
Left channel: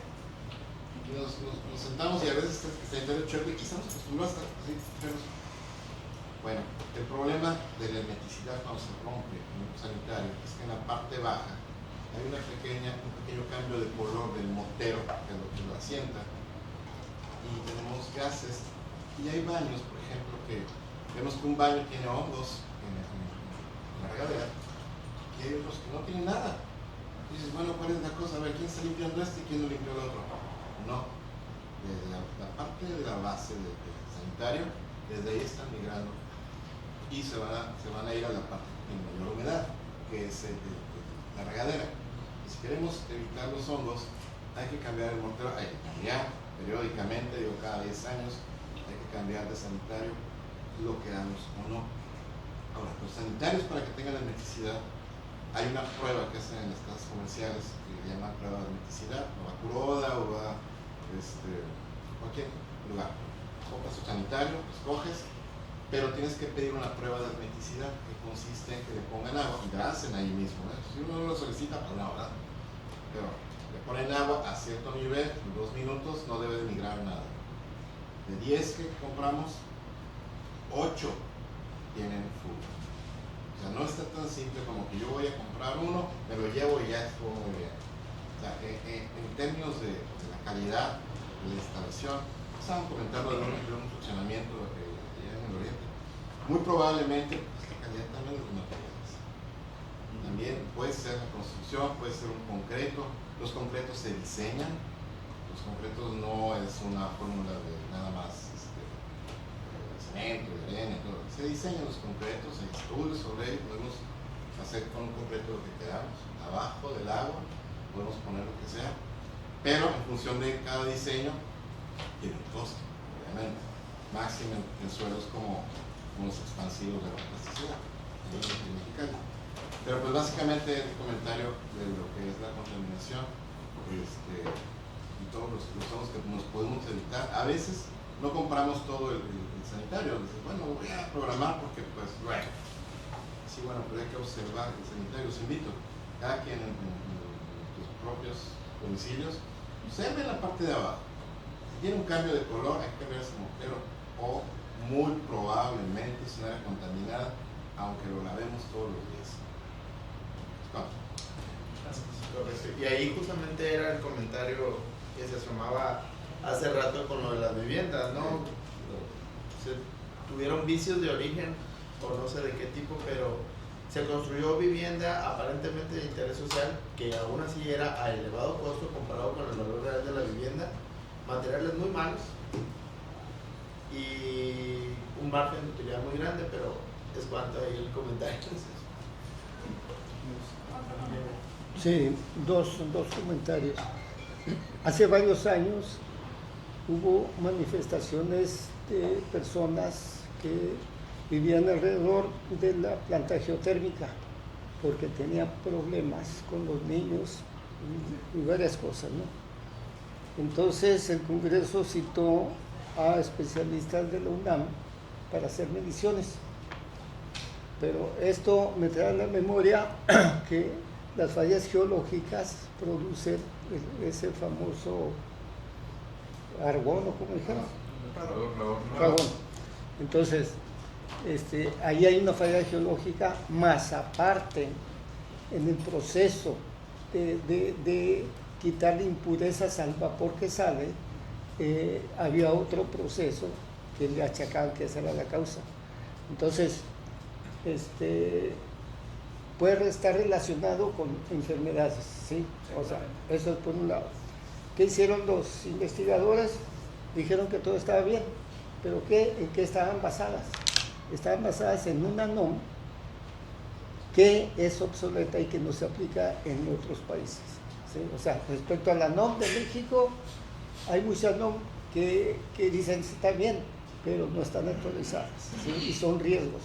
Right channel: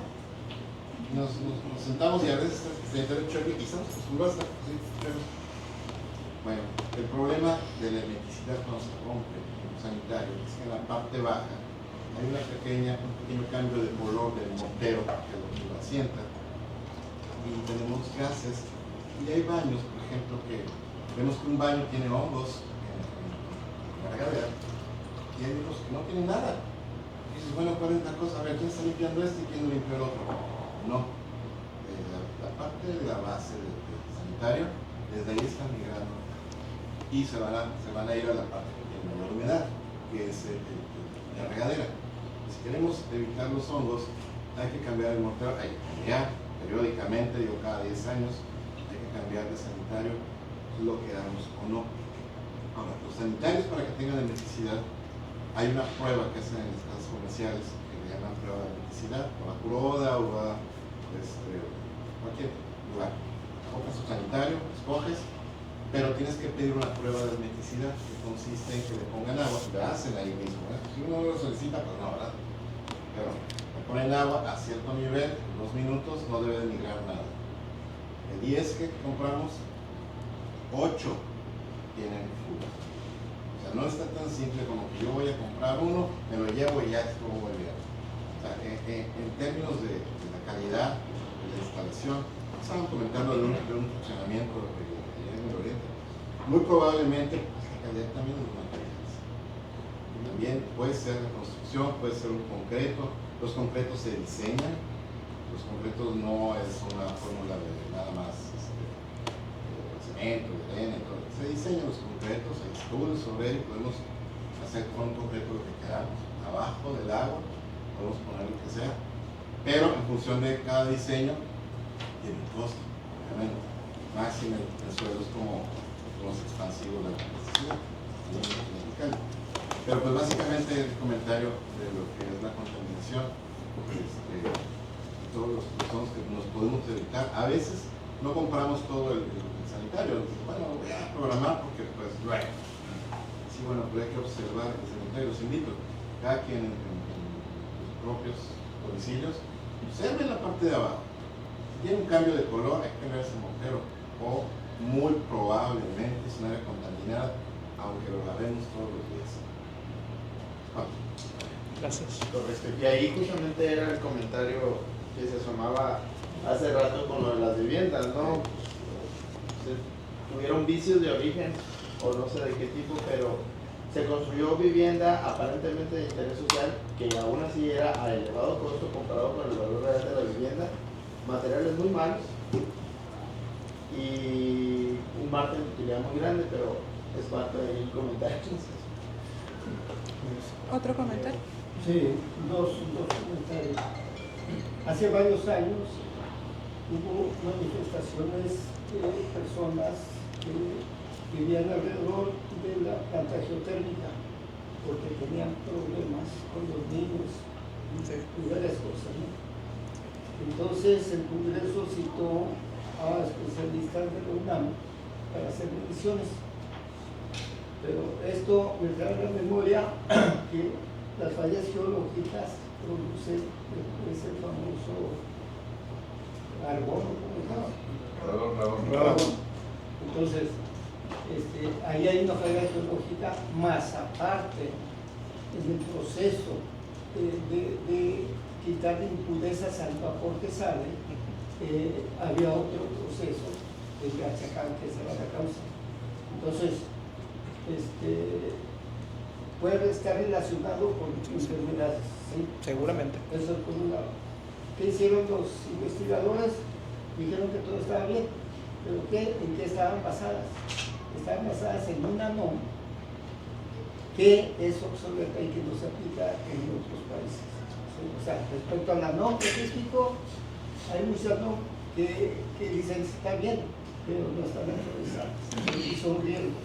Nos sentamos y a veces el sanitario choque y estamos acostumbrados a estar así, chocos. Bueno, el problema de la hermeticidad cuando se rompe en un sanitario es que en la parte baja hay un pequeño cambio de color del mortero que lo asienta y tenemos gases. Y hay baños, por ejemplo, que vemos que un baño tiene hongos en la regadera y hay otros que no tienen nada. Y dices, bueno, ¿cuál es la cosa? A ver, ¿quién está limpiando esto y quién lo limpia el otro? No. Desde la parte de la base del sanitario, desde ahí están migrando y se van a ir a la parte que tiene la humedad, que es la regadera. Si queremos evitar los hongos, hay que cambiar el mortero, hay que cambiar periódicamente, digo cada 10 años, hay que cambiar de sanitario, lo queramos o no. Ahora, los sanitarios, para que tengan hermeticidad, hay una prueba que hacen en las casas comerciales que se llama prueba de hermeticidad, o va Curoda o va cualquier lugar. Compras tu sanitario, escoges pero tienes que pedir una prueba de hermeticidad que consiste en que le pongan agua, y la hacen ahí mismo, ¿eh? Si uno lo solicita, pues no, ¿verdad? Pero le ponen agua a cierto nivel, en 2 minutos no debe de migrar nada. De 10 que compramos, 8 tienen fuga. O sea, no está tan simple como que yo voy a comprar uno, me lo llevo y ya es como muy bien. O sea, en términos de la calidad de la instalación, estaban comentando de un funcionamiento en el Oriente. Muy probablemente, pues, la calidad también es una calidad. También puede ser la construcción, puede ser un concreto. Los concretos se diseñan. Los concretos no es una fórmula de nada más cemento, de arena, todo. Se diseñan los concretos, hay estudios sobre él, podemos hacer con un concreto lo que queramos. Abajo del agua podemos poner lo que sea, pero en función de cada diseño tiene un costo, obviamente. Máximo en suelos como los expansivos de la capacitación. Pero pues básicamente el comentario de lo que es la contaminación, todos los usos que nos podemos evitar. A veces no compramos todo el sanitario. Bueno, lo voy a programar porque pues, bueno. Sí, bueno, pero hay que observar el sanitario. Los invito, cada quien en sus propios domicilios, observe la parte de abajo. Si tiene un cambio de color, hay que cambiar ese mortero. O muy probablemente es un área contaminada, aunque lo lavemos todos los días. Vamos. Gracias. Correcto. Y ahí justamente era el comentario que se asomaba hace rato con lo de las viviendas, ¿no? Tuvieron vicios de origen, o no sé de qué tipo, pero se construyó vivienda aparentemente de interés social, que aún así era a elevado costo comparado con el valor real de la vivienda, materiales muy malos y un margen de utilidad muy grande, pero es cuanto el comentario. ¿Otro comentario? Sí, dos comentarios. Hace varios años hubo manifestaciones de personas que vivían alrededor de la planta geotérmica porque tenían problemas con los niños y varias cosas, ¿no? Entonces el Congreso citó a especialistas de la UNAM para hacer mediciones. Pero esto me trae a la memoria que las fallas geológicas producen ese famoso argón, ¿o cómo dijeron? Argón. Entonces, ahí hay una falla geológica, más aparte, en el proceso de quitar impurezas al vapor que sale, había otro proceso que le achacaban que esa era la causa. Entonces, puede estar relacionado con enfermedades, ¿sí? Seguramente. O sea, eso es por un lado. ¿Qué hicieron los investigadores? Dijeron que todo estaba bien, pero ¿en qué estaban basadas? Estaban basadas en una NOM que es obsoleta y que no se aplica en otros países, ¿sí? O sea, respecto a la NOM de México, hay muchas NOM que dicen que está bien, pero no están actualizadas, ¿sí? Y son riesgos.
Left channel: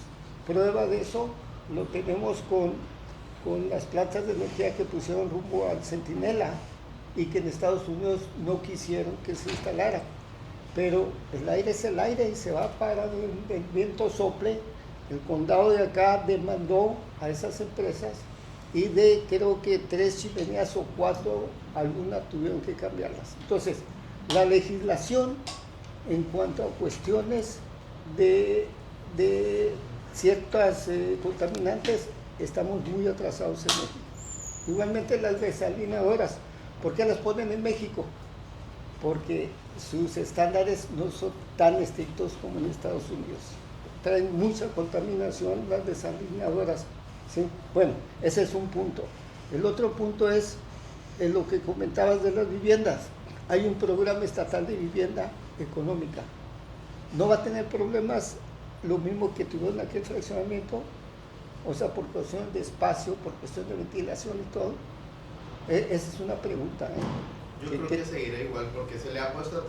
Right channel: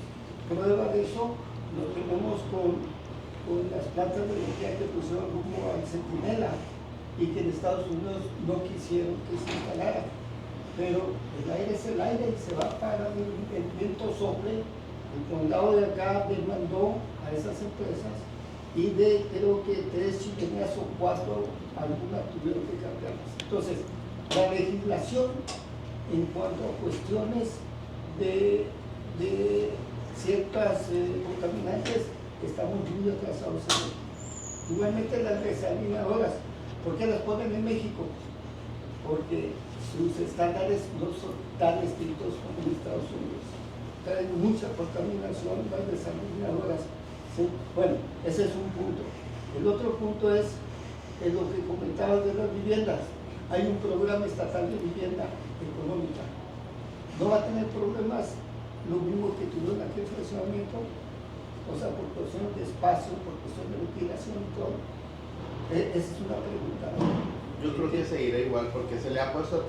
Prueba de eso lo tenemos con las plantas de energía que pusieron rumbo al Centinela y que en Estados Unidos no quisieron que se instalara. Pero el aire es el aire y se va para el viento sople. El condado de acá demandó a esas empresas y de creo que 3 chimeneas o 4, algunas tuvieron que cambiarlas. Entonces, la legislación en cuanto a cuestiones de ciertas contaminantes, estamos muy atrasados en ello. Igualmente las desalinadoras, ¿por qué las ponen en México? Porque sus estándares no son tan estrictos como en Estados Unidos. Traen mucha contaminación las desalinadoras, ¿sí? Bueno, ese es un punto. El otro punto es en lo que comentabas de las viviendas. Hay un programa estatal de vivienda económica. No va a tener problemas lo mismo que tuvo en aquel fraccionamiento, o sea, por cuestión de espacio, por cuestión de ventilación y todo. Esa es una pregunta, ¿no? Yo creo que seguirá igual porque se le ha puesto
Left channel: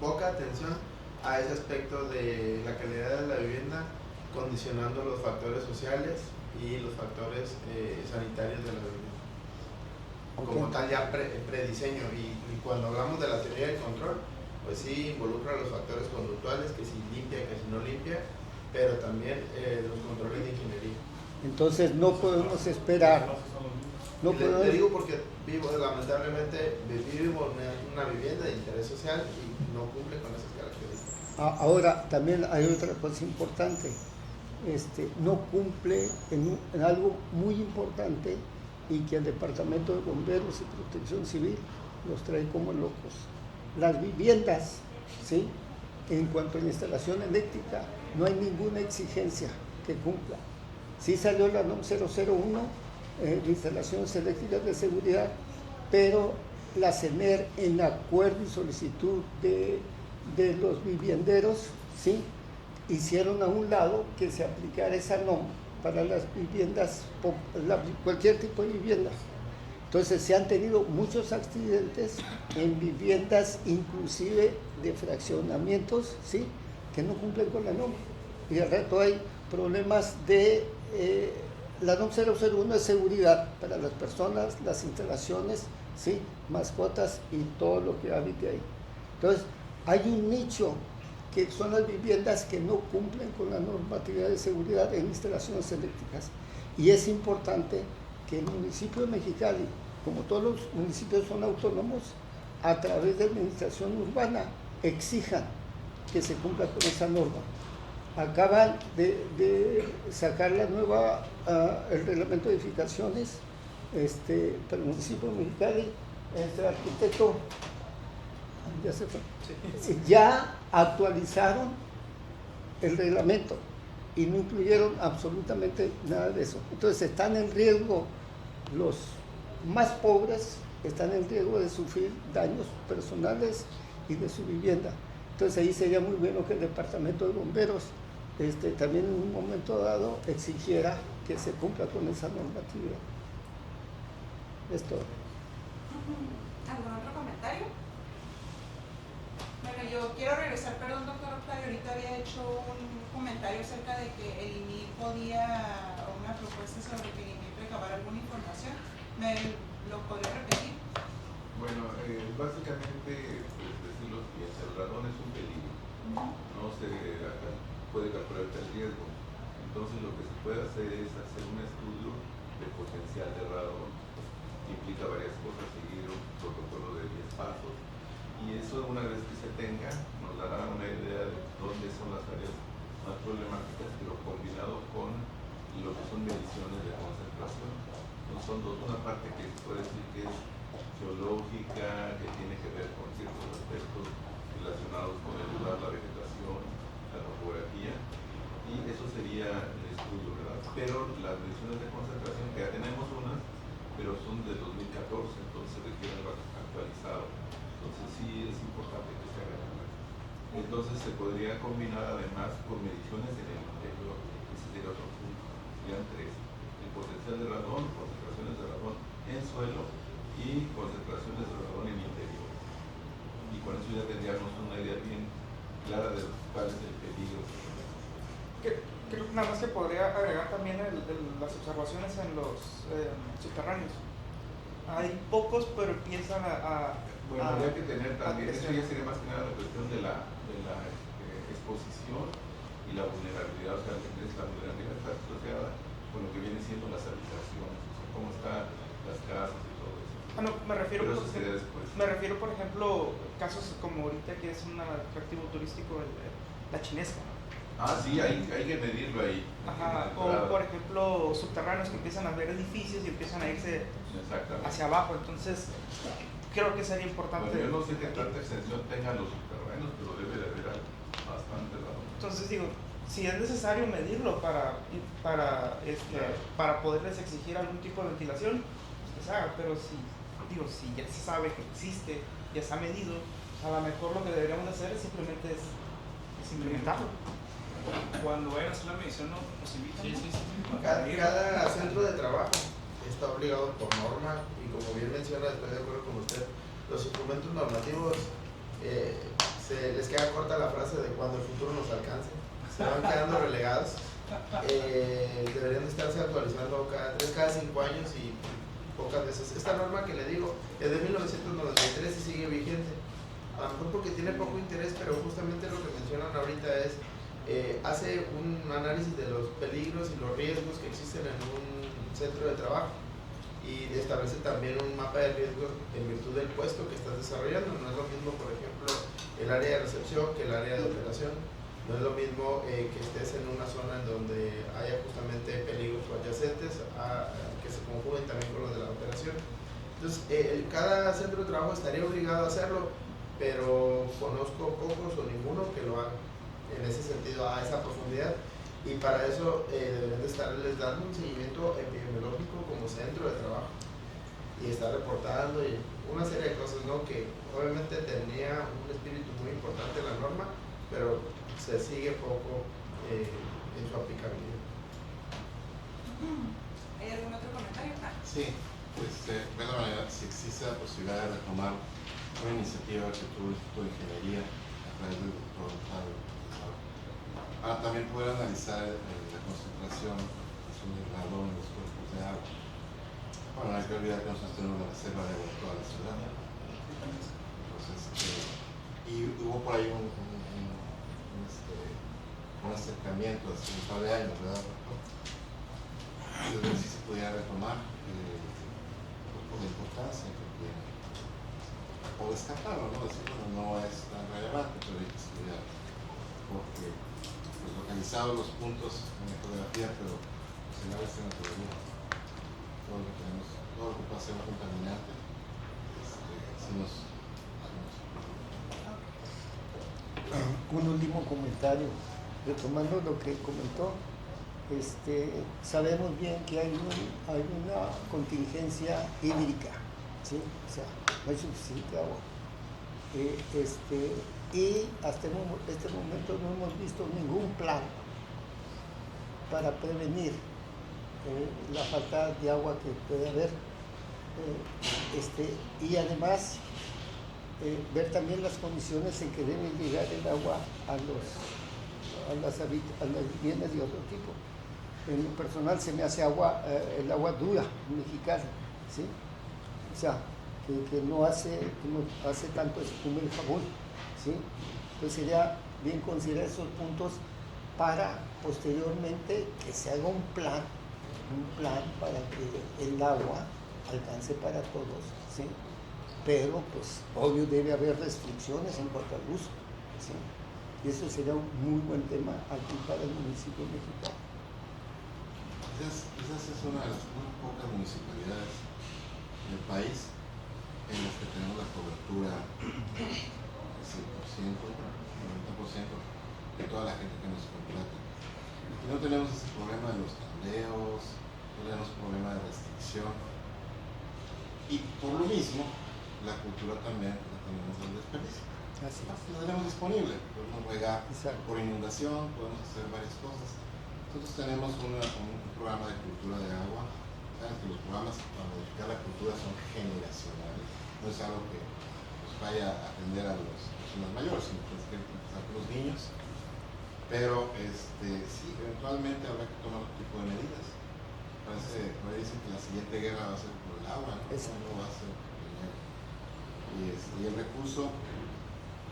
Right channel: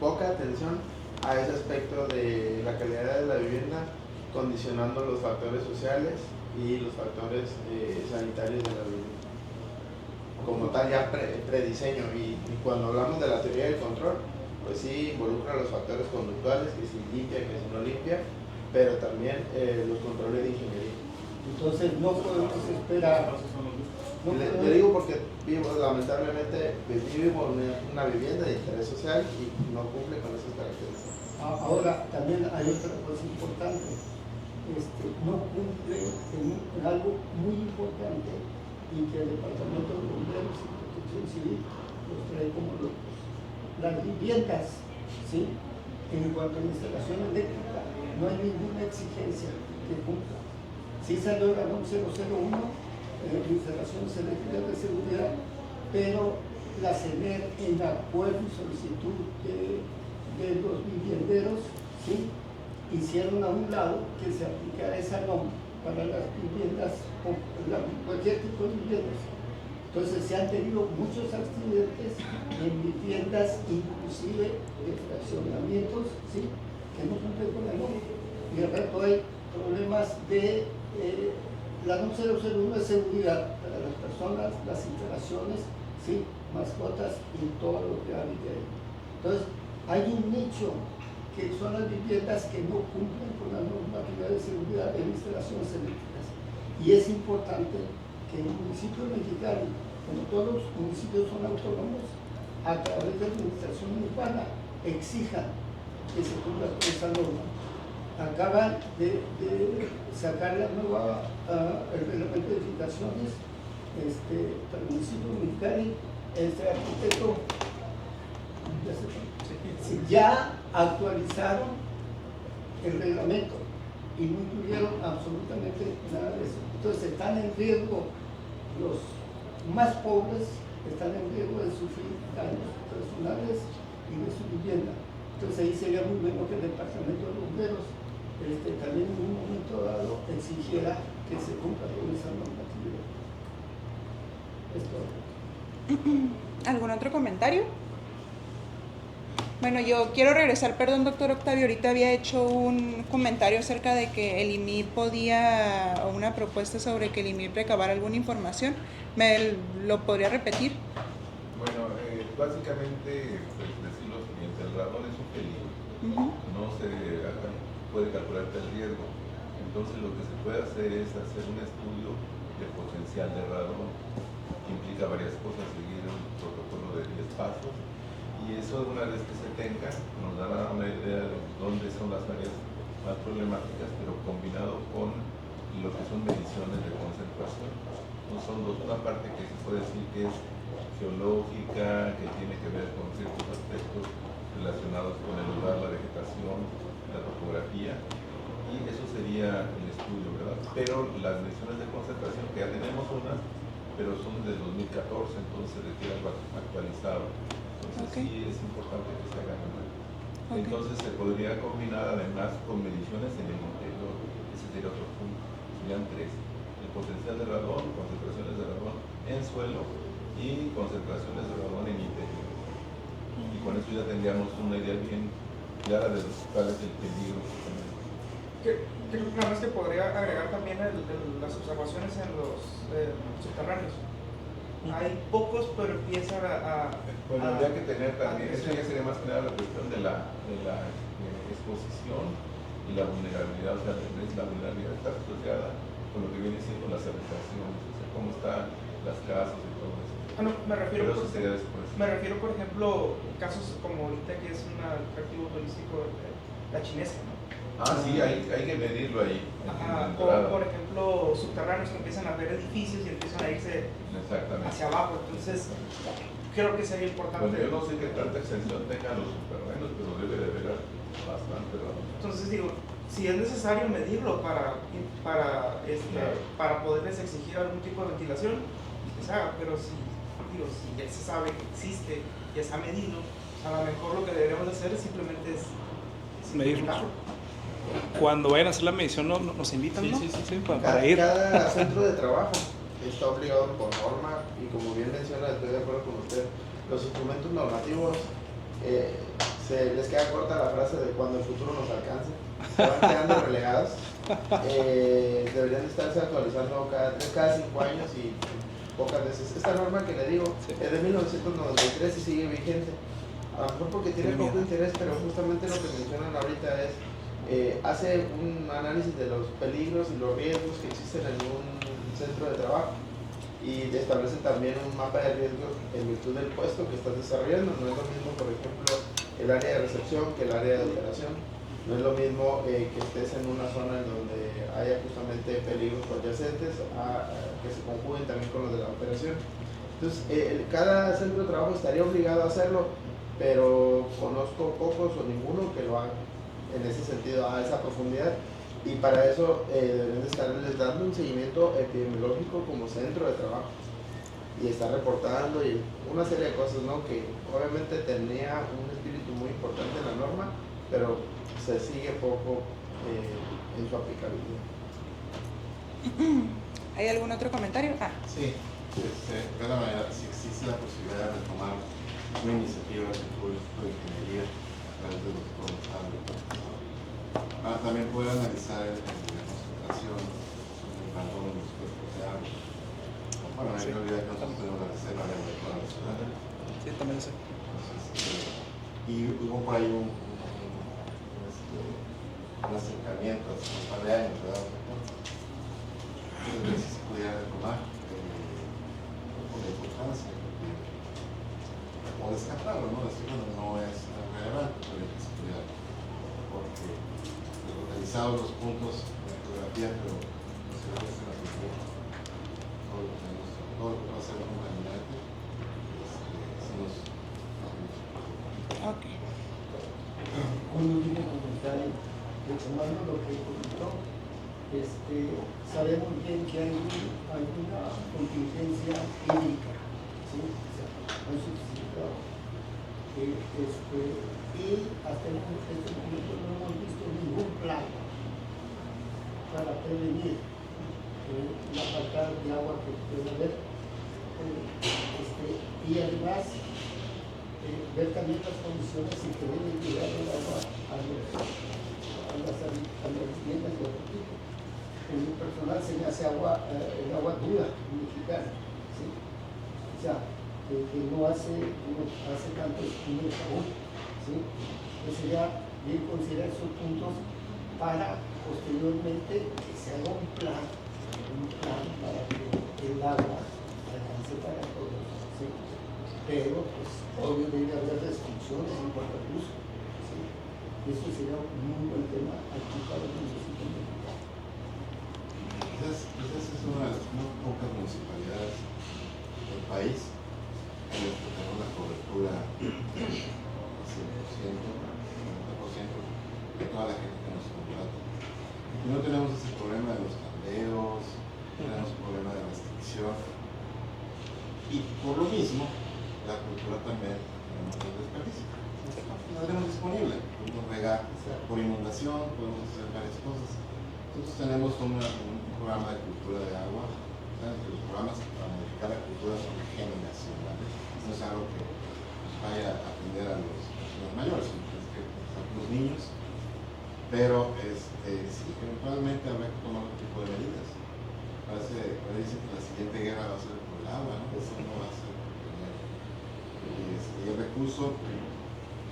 poca atención a ese aspecto de la calidad de la vivienda, condicionando los factores sociales y los factores sanitarios de la vivienda. Como tal ya prediseño, y cuando hablamos de la teoría del control, pues sí involucra los factores conductuales, que si limpia, que si no limpia, pero también los controles de ingeniería. Entonces no podemos esperar. No le podemos, digo porque lamentablemente vivimos una vivienda de interés social y no cumple con esas características. ahora también hay otra cosa importante. No cumple en algo muy importante y que el Departamento de Bomberos y Protección Civil los trae como locos. Las viviendas, ¿sí? En cuanto a instalación eléctrica, no hay ninguna exigencia que cumpla. Sí salió la NOM 001, instalaciones eléctricas de seguridad, pero la CENER, en acuerdo y solicitud de los vivienderos, ¿sí? Hicieron a un lado que se aplicara esa NOM para las viviendas, cualquier tipo de viviendas. Entonces se han tenido muchos accidentes en viviendas, inclusive de fraccionamientos, ¿sí? Que no cumplen con la NOM. Y al rato hay problemas de... la NOM 001 es seguridad para las personas, las instalaciones, ¿sí? Mascotas y todo lo que habite ahí. Entonces hay un nicho que son las viviendas que no cumplen con la normatividad de seguridad en instalaciones eléctricas. Y es importante que el municipio de Mexicali, como todos los municipios son autónomos, a través de la administración urbana exijan que se cumpla con esa norma. Acaban de sacar la nueva, el reglamento de edificaciones para el municipio de Mexicali. El arquitecto ya actualizaron el reglamento y no incluyeron absolutamente nada de eso. Entonces están en riesgo los más pobres, están en riesgo de sufrir daños personales y de su vivienda. Entonces ahí sería muy bueno que el Departamento de Bomberos también en un momento dado exigiera que se cumpla con esa normatividad. Es todo. ¿Algún otro comentario? Bueno, yo quiero regresar, perdón, doctor Octavio, ahorita había hecho un comentario acerca de que el IMIR podía, o una propuesta sobre que el IMIR recabara alguna información. ¿Me lo podría repetir? Bueno, básicamente, pues decir lo siguiente, el radón es un peligro, no se puede calcular el riesgo, entonces lo que se puede hacer es hacer un estudio de potencial de radón, que implica varias cosas, seguir un protocolo de 10 pasos, y eso una vez que se tenga nos dará una idea de dónde son las áreas más problemáticas, pero combinado con lo que son mediciones de concentración. No son dos, una parte que se puede decir que es geológica, que tiene que ver con ciertos aspectos relacionados con el lugar, la vegetación, la topografía, y eso sería el estudio, ¿verdad? Pero las mediciones de concentración, que ya tenemos unas, pero son del 2014, entonces requiere algo actualizado. Entonces sí es importante que se hagan. Entonces se podría combinar además con mediciones en el interior, ese sería otro punto. Serían tres: el potencial de radón, concentraciones de radón en suelo y concentraciones de radón en interior. Y con eso ya tendríamos una idea bien clara de cuál es el peligro. Creo que nada más que podría agregar también las observaciones en los subterráneos. Hay pocos, pero empiezan Bueno, habría que tener también, eso ya sería más que nada la cuestión de la exposición y la vulnerabilidad, o sea, la vulnerabilidad está asociada con lo que viene siendo las habitaciones, o sea, cómo están las casas y todo eso. No, me refiero, pero eso sería después. Me refiero, por ejemplo, casos como ahorita que es un atractivo turístico, la Chinesca. Sí, hay que medirlo ahí. Ajá, o por ejemplo subterráneos que empiezan a ver edificios y empiezan a irse hacia abajo, entonces creo que sería importante. Bueno, yo no sé qué tanta extensión tengan los subterráneos, pero debe de haber bastante radón. Entonces digo, si es necesario medirlo para poderles exigir algún tipo de ventilación, que se haga, pero si ya se sabe que existe, ya se ha medido, a lo mejor lo que deberíamos hacer es simplemente medirlo. Cuando vayan a hacer la medición nos invitan, ¿no? Sí, para ir. Cada centro de trabajo está obligado por norma y como bien menciona, estoy de acuerdo con usted, los instrumentos normativos les queda corta la frase de cuando el futuro nos alcance, se van quedando relegados, deberían estarse actualizando cada 5 años y pocas veces. Esta norma que le digo es de 1993 y sigue vigente, a lo mejor porque tiene poco interés, pero justamente lo que mencionan ahorita es hace un análisis de los peligros y los riesgos que existen en un centro de trabajo y establece también un mapa de riesgos en virtud del puesto que estás desarrollando. No es lo mismo, por ejemplo, el área de recepción que el área de operación. No es lo mismo que estés en una zona en donde haya justamente peligros adyacentes que se conjuguen también con los de la operación. Entonces, cada centro de trabajo estaría obligado a hacerlo, pero conozco pocos o ninguno que lo hagan en ese sentido, a esa profundidad. Y para eso deben de estarles dando un seguimiento epidemiológico como centro de trabajo y estar reportando y una serie de cosas, ¿no? Que obviamente tenía un espíritu muy importante en la norma, pero se sigue poco en su aplicabilidad. ¿Hay algún otro comentario? Sí, de alguna manera, si existe la posibilidad de retomar una iniciativa que tuvo el Instituto de Ingeniería a través del doctor Octavio, para también poder analizar la concentración del carbono en los cuerpos de agua. Bueno, hay que olvidar que nosotros tenemos la reserva de agua de toda la ciudad. Sí, también sé. Entonces, y hubo por ahí un acercamiento hace un par de años, ¿verdad? Entonces, si se pudiera retomar la importancia, o descartarlo, ¿no? Decir, bueno, no es relevante, pero hay que estudiar, porque localizados los puntos en la fotografía, pero si no es en la cultura, todo lo que va a ser contaminante, si nos... Un último comentario, retomando lo que comentó, sabemos bien que hay una contingencia hídrica, ¿sí? O sea, no hay suficiente agua. Y hasta este momento no hemos visto ningún plan para prevenir la falta de agua que puede haber. Y además ver también las condiciones en que debe llegar el agua a las viviendas de otro tipo. En lo personal se me hace el agua dura mexicana, ¿sí? O sea, que no hace tanto espuma el jabón, ¿sí? Pues sería bien considerar esos puntos para posteriormente que se haga un plan para que el agua alcance para todos, ¿sí? Pero pues obvio debe haber restricciones en cuanto al uso, ¿sí? Y eso sería un muy buen tema aquí para el municipio mexicano. Quizás es una de las más pocas municipalidades del país en las que tenemos una cobertura del 100%, 90% de toda la gente que nos contrata. Y no tenemos ese problema de los tandeos, no tenemos problema de restricción. Y por lo mismo, la cultura también tenemos el desperdicio. La tenemos disponible, podemos regar por inundación, podemos hacer varias cosas. Nosotros tenemos un programa de cultura de agua. Saben que los programas para modificar la cultura son generacionales. No es algo que vaya a atender a las personas mayores, sino que es que a los niños. Pero sí, eventualmente habrá que tomar otro tipo de medidas. Por ahí dicen que la siguiente guerra va a ser por el agua, ¿no? No va a ser primero. Y el recurso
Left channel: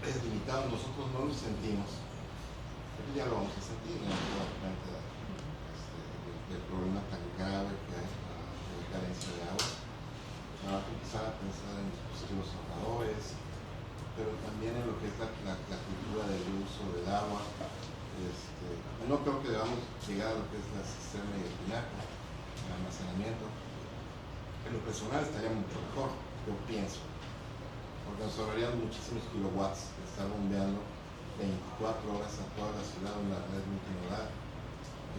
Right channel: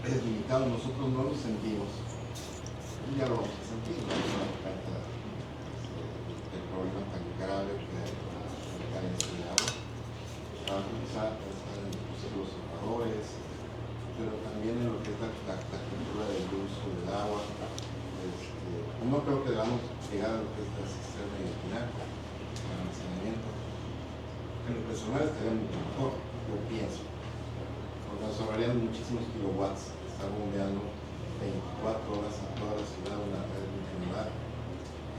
es limitado, nosotros no lo sentimos. Y ya lo sentimos, ¿no? El problema tan grave que hay para la carencia de agua. Quizá pensar en los ahorradores, pero también en lo que es la cultura del uso del agua. No creo que debamos llegar a lo que es el sistema de almacenamiento. En lo personal estaría mucho mejor, yo pienso, porque nos ahorrarían muchísimos kilowatts, estar bombeando 24 horas a toda la ciudad de una red multimodal.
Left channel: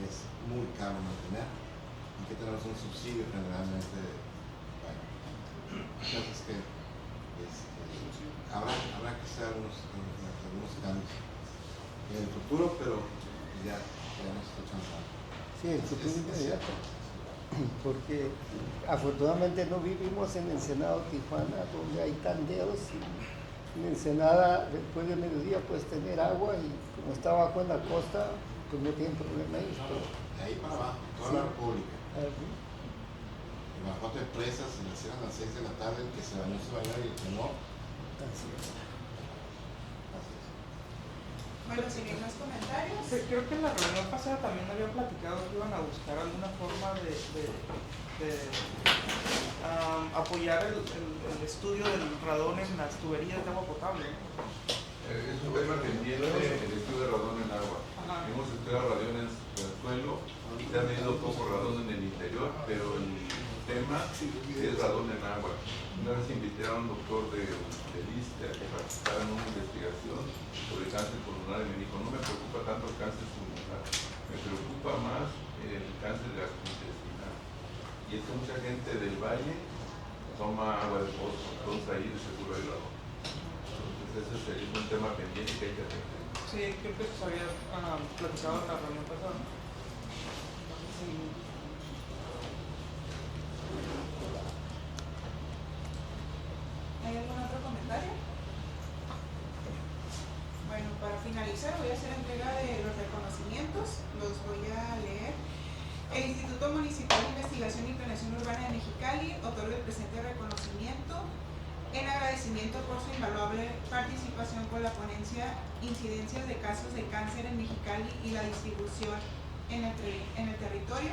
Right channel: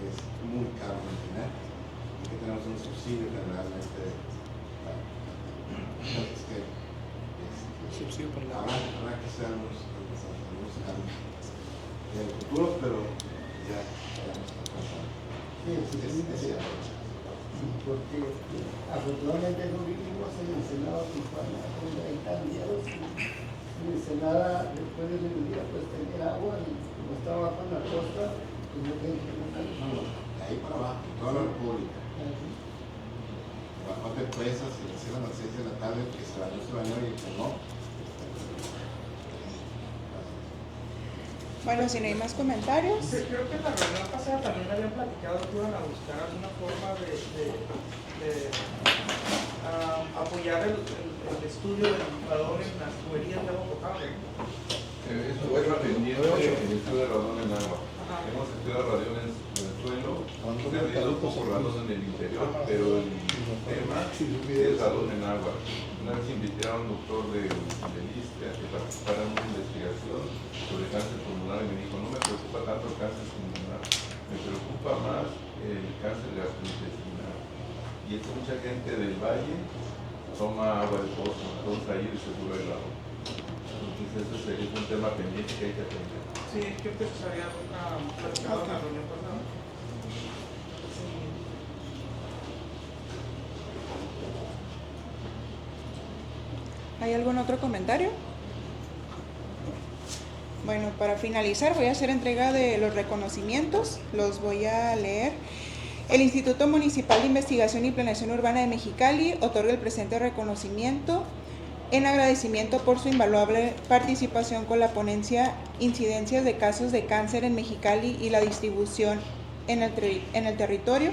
Es muy caro mantener, y que tenemos un subsidio que realmente habrá que hacer algunos cambios en el futuro, pero ya nos está pasando. Sí, porque afortunadamente no vivimos en Ensenada, Tijuana, donde hay tandeos. En Ensenada, después del mediodía, puedes tener agua y como está bajo en la costa, pues no tienen problema. De ahí para abajo, toda la República. Bajo de presas, se le cierran a las 6 de la tarde, el que se bañó y el que no. Bueno, si no hay más comentarios. Sí, creo que en la reunión pasada también habían platicado que iban a buscar alguna forma de apoyar el estudio del radón en las tuberías de agua potable. Esto va dependiendo del estudio de radón en agua. Hemos estudiado radón en el suelo, se ha medido un poco radón en el interior, pero el tema es radón en agua. Una vez invité a un doctor de ISSSTE a que participara en una investigación sobre cáncer pulmonar y me dijo, no me preocupa tanto el cáncer pulmonar, me preocupa más el cáncer gastrointestinal. Y es que mucha gente del valle toma agua de pozo, entonces ahí es seguro el radón. Entonces ese es un tema pendiente que hay que atender. Sí, creo que se había platicado en la reunión pasada. Sí. ¿Hay algún otro comentario? Bueno, para finalizar voy a hacer entrega de los reconocimientos, los voy a leer. El Instituto Municipal de Investigación y Planeación Urbana de Mexicali otorga el presente reconocimiento en agradecimiento por su invaluable participación con la ponencia Incidencias de casos de cáncer en Mexicali y la distribución en el territorio,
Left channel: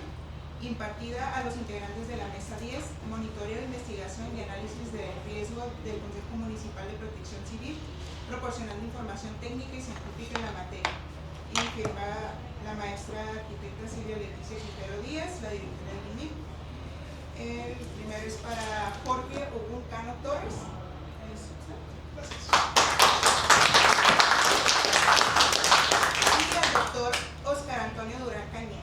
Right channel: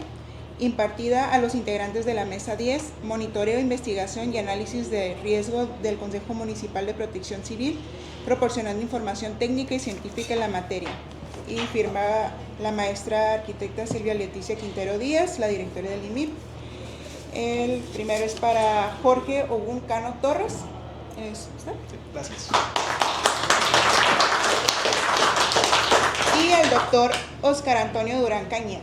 impartida a los integrantes de la Mesa 10, Monitoreo, Investigación y Análisis de Riesgo del Consejo Municipal de Protección Civil, proporcionando información técnica y científica en la materia. Y firma la maestra arquitecta Silvia Leticia Quintero Díaz, la directora del IMIP. El primero es para Jorge Ogún Cano Torres. Gracias. Y el doctor Oscar Antonio Durán Cañeda.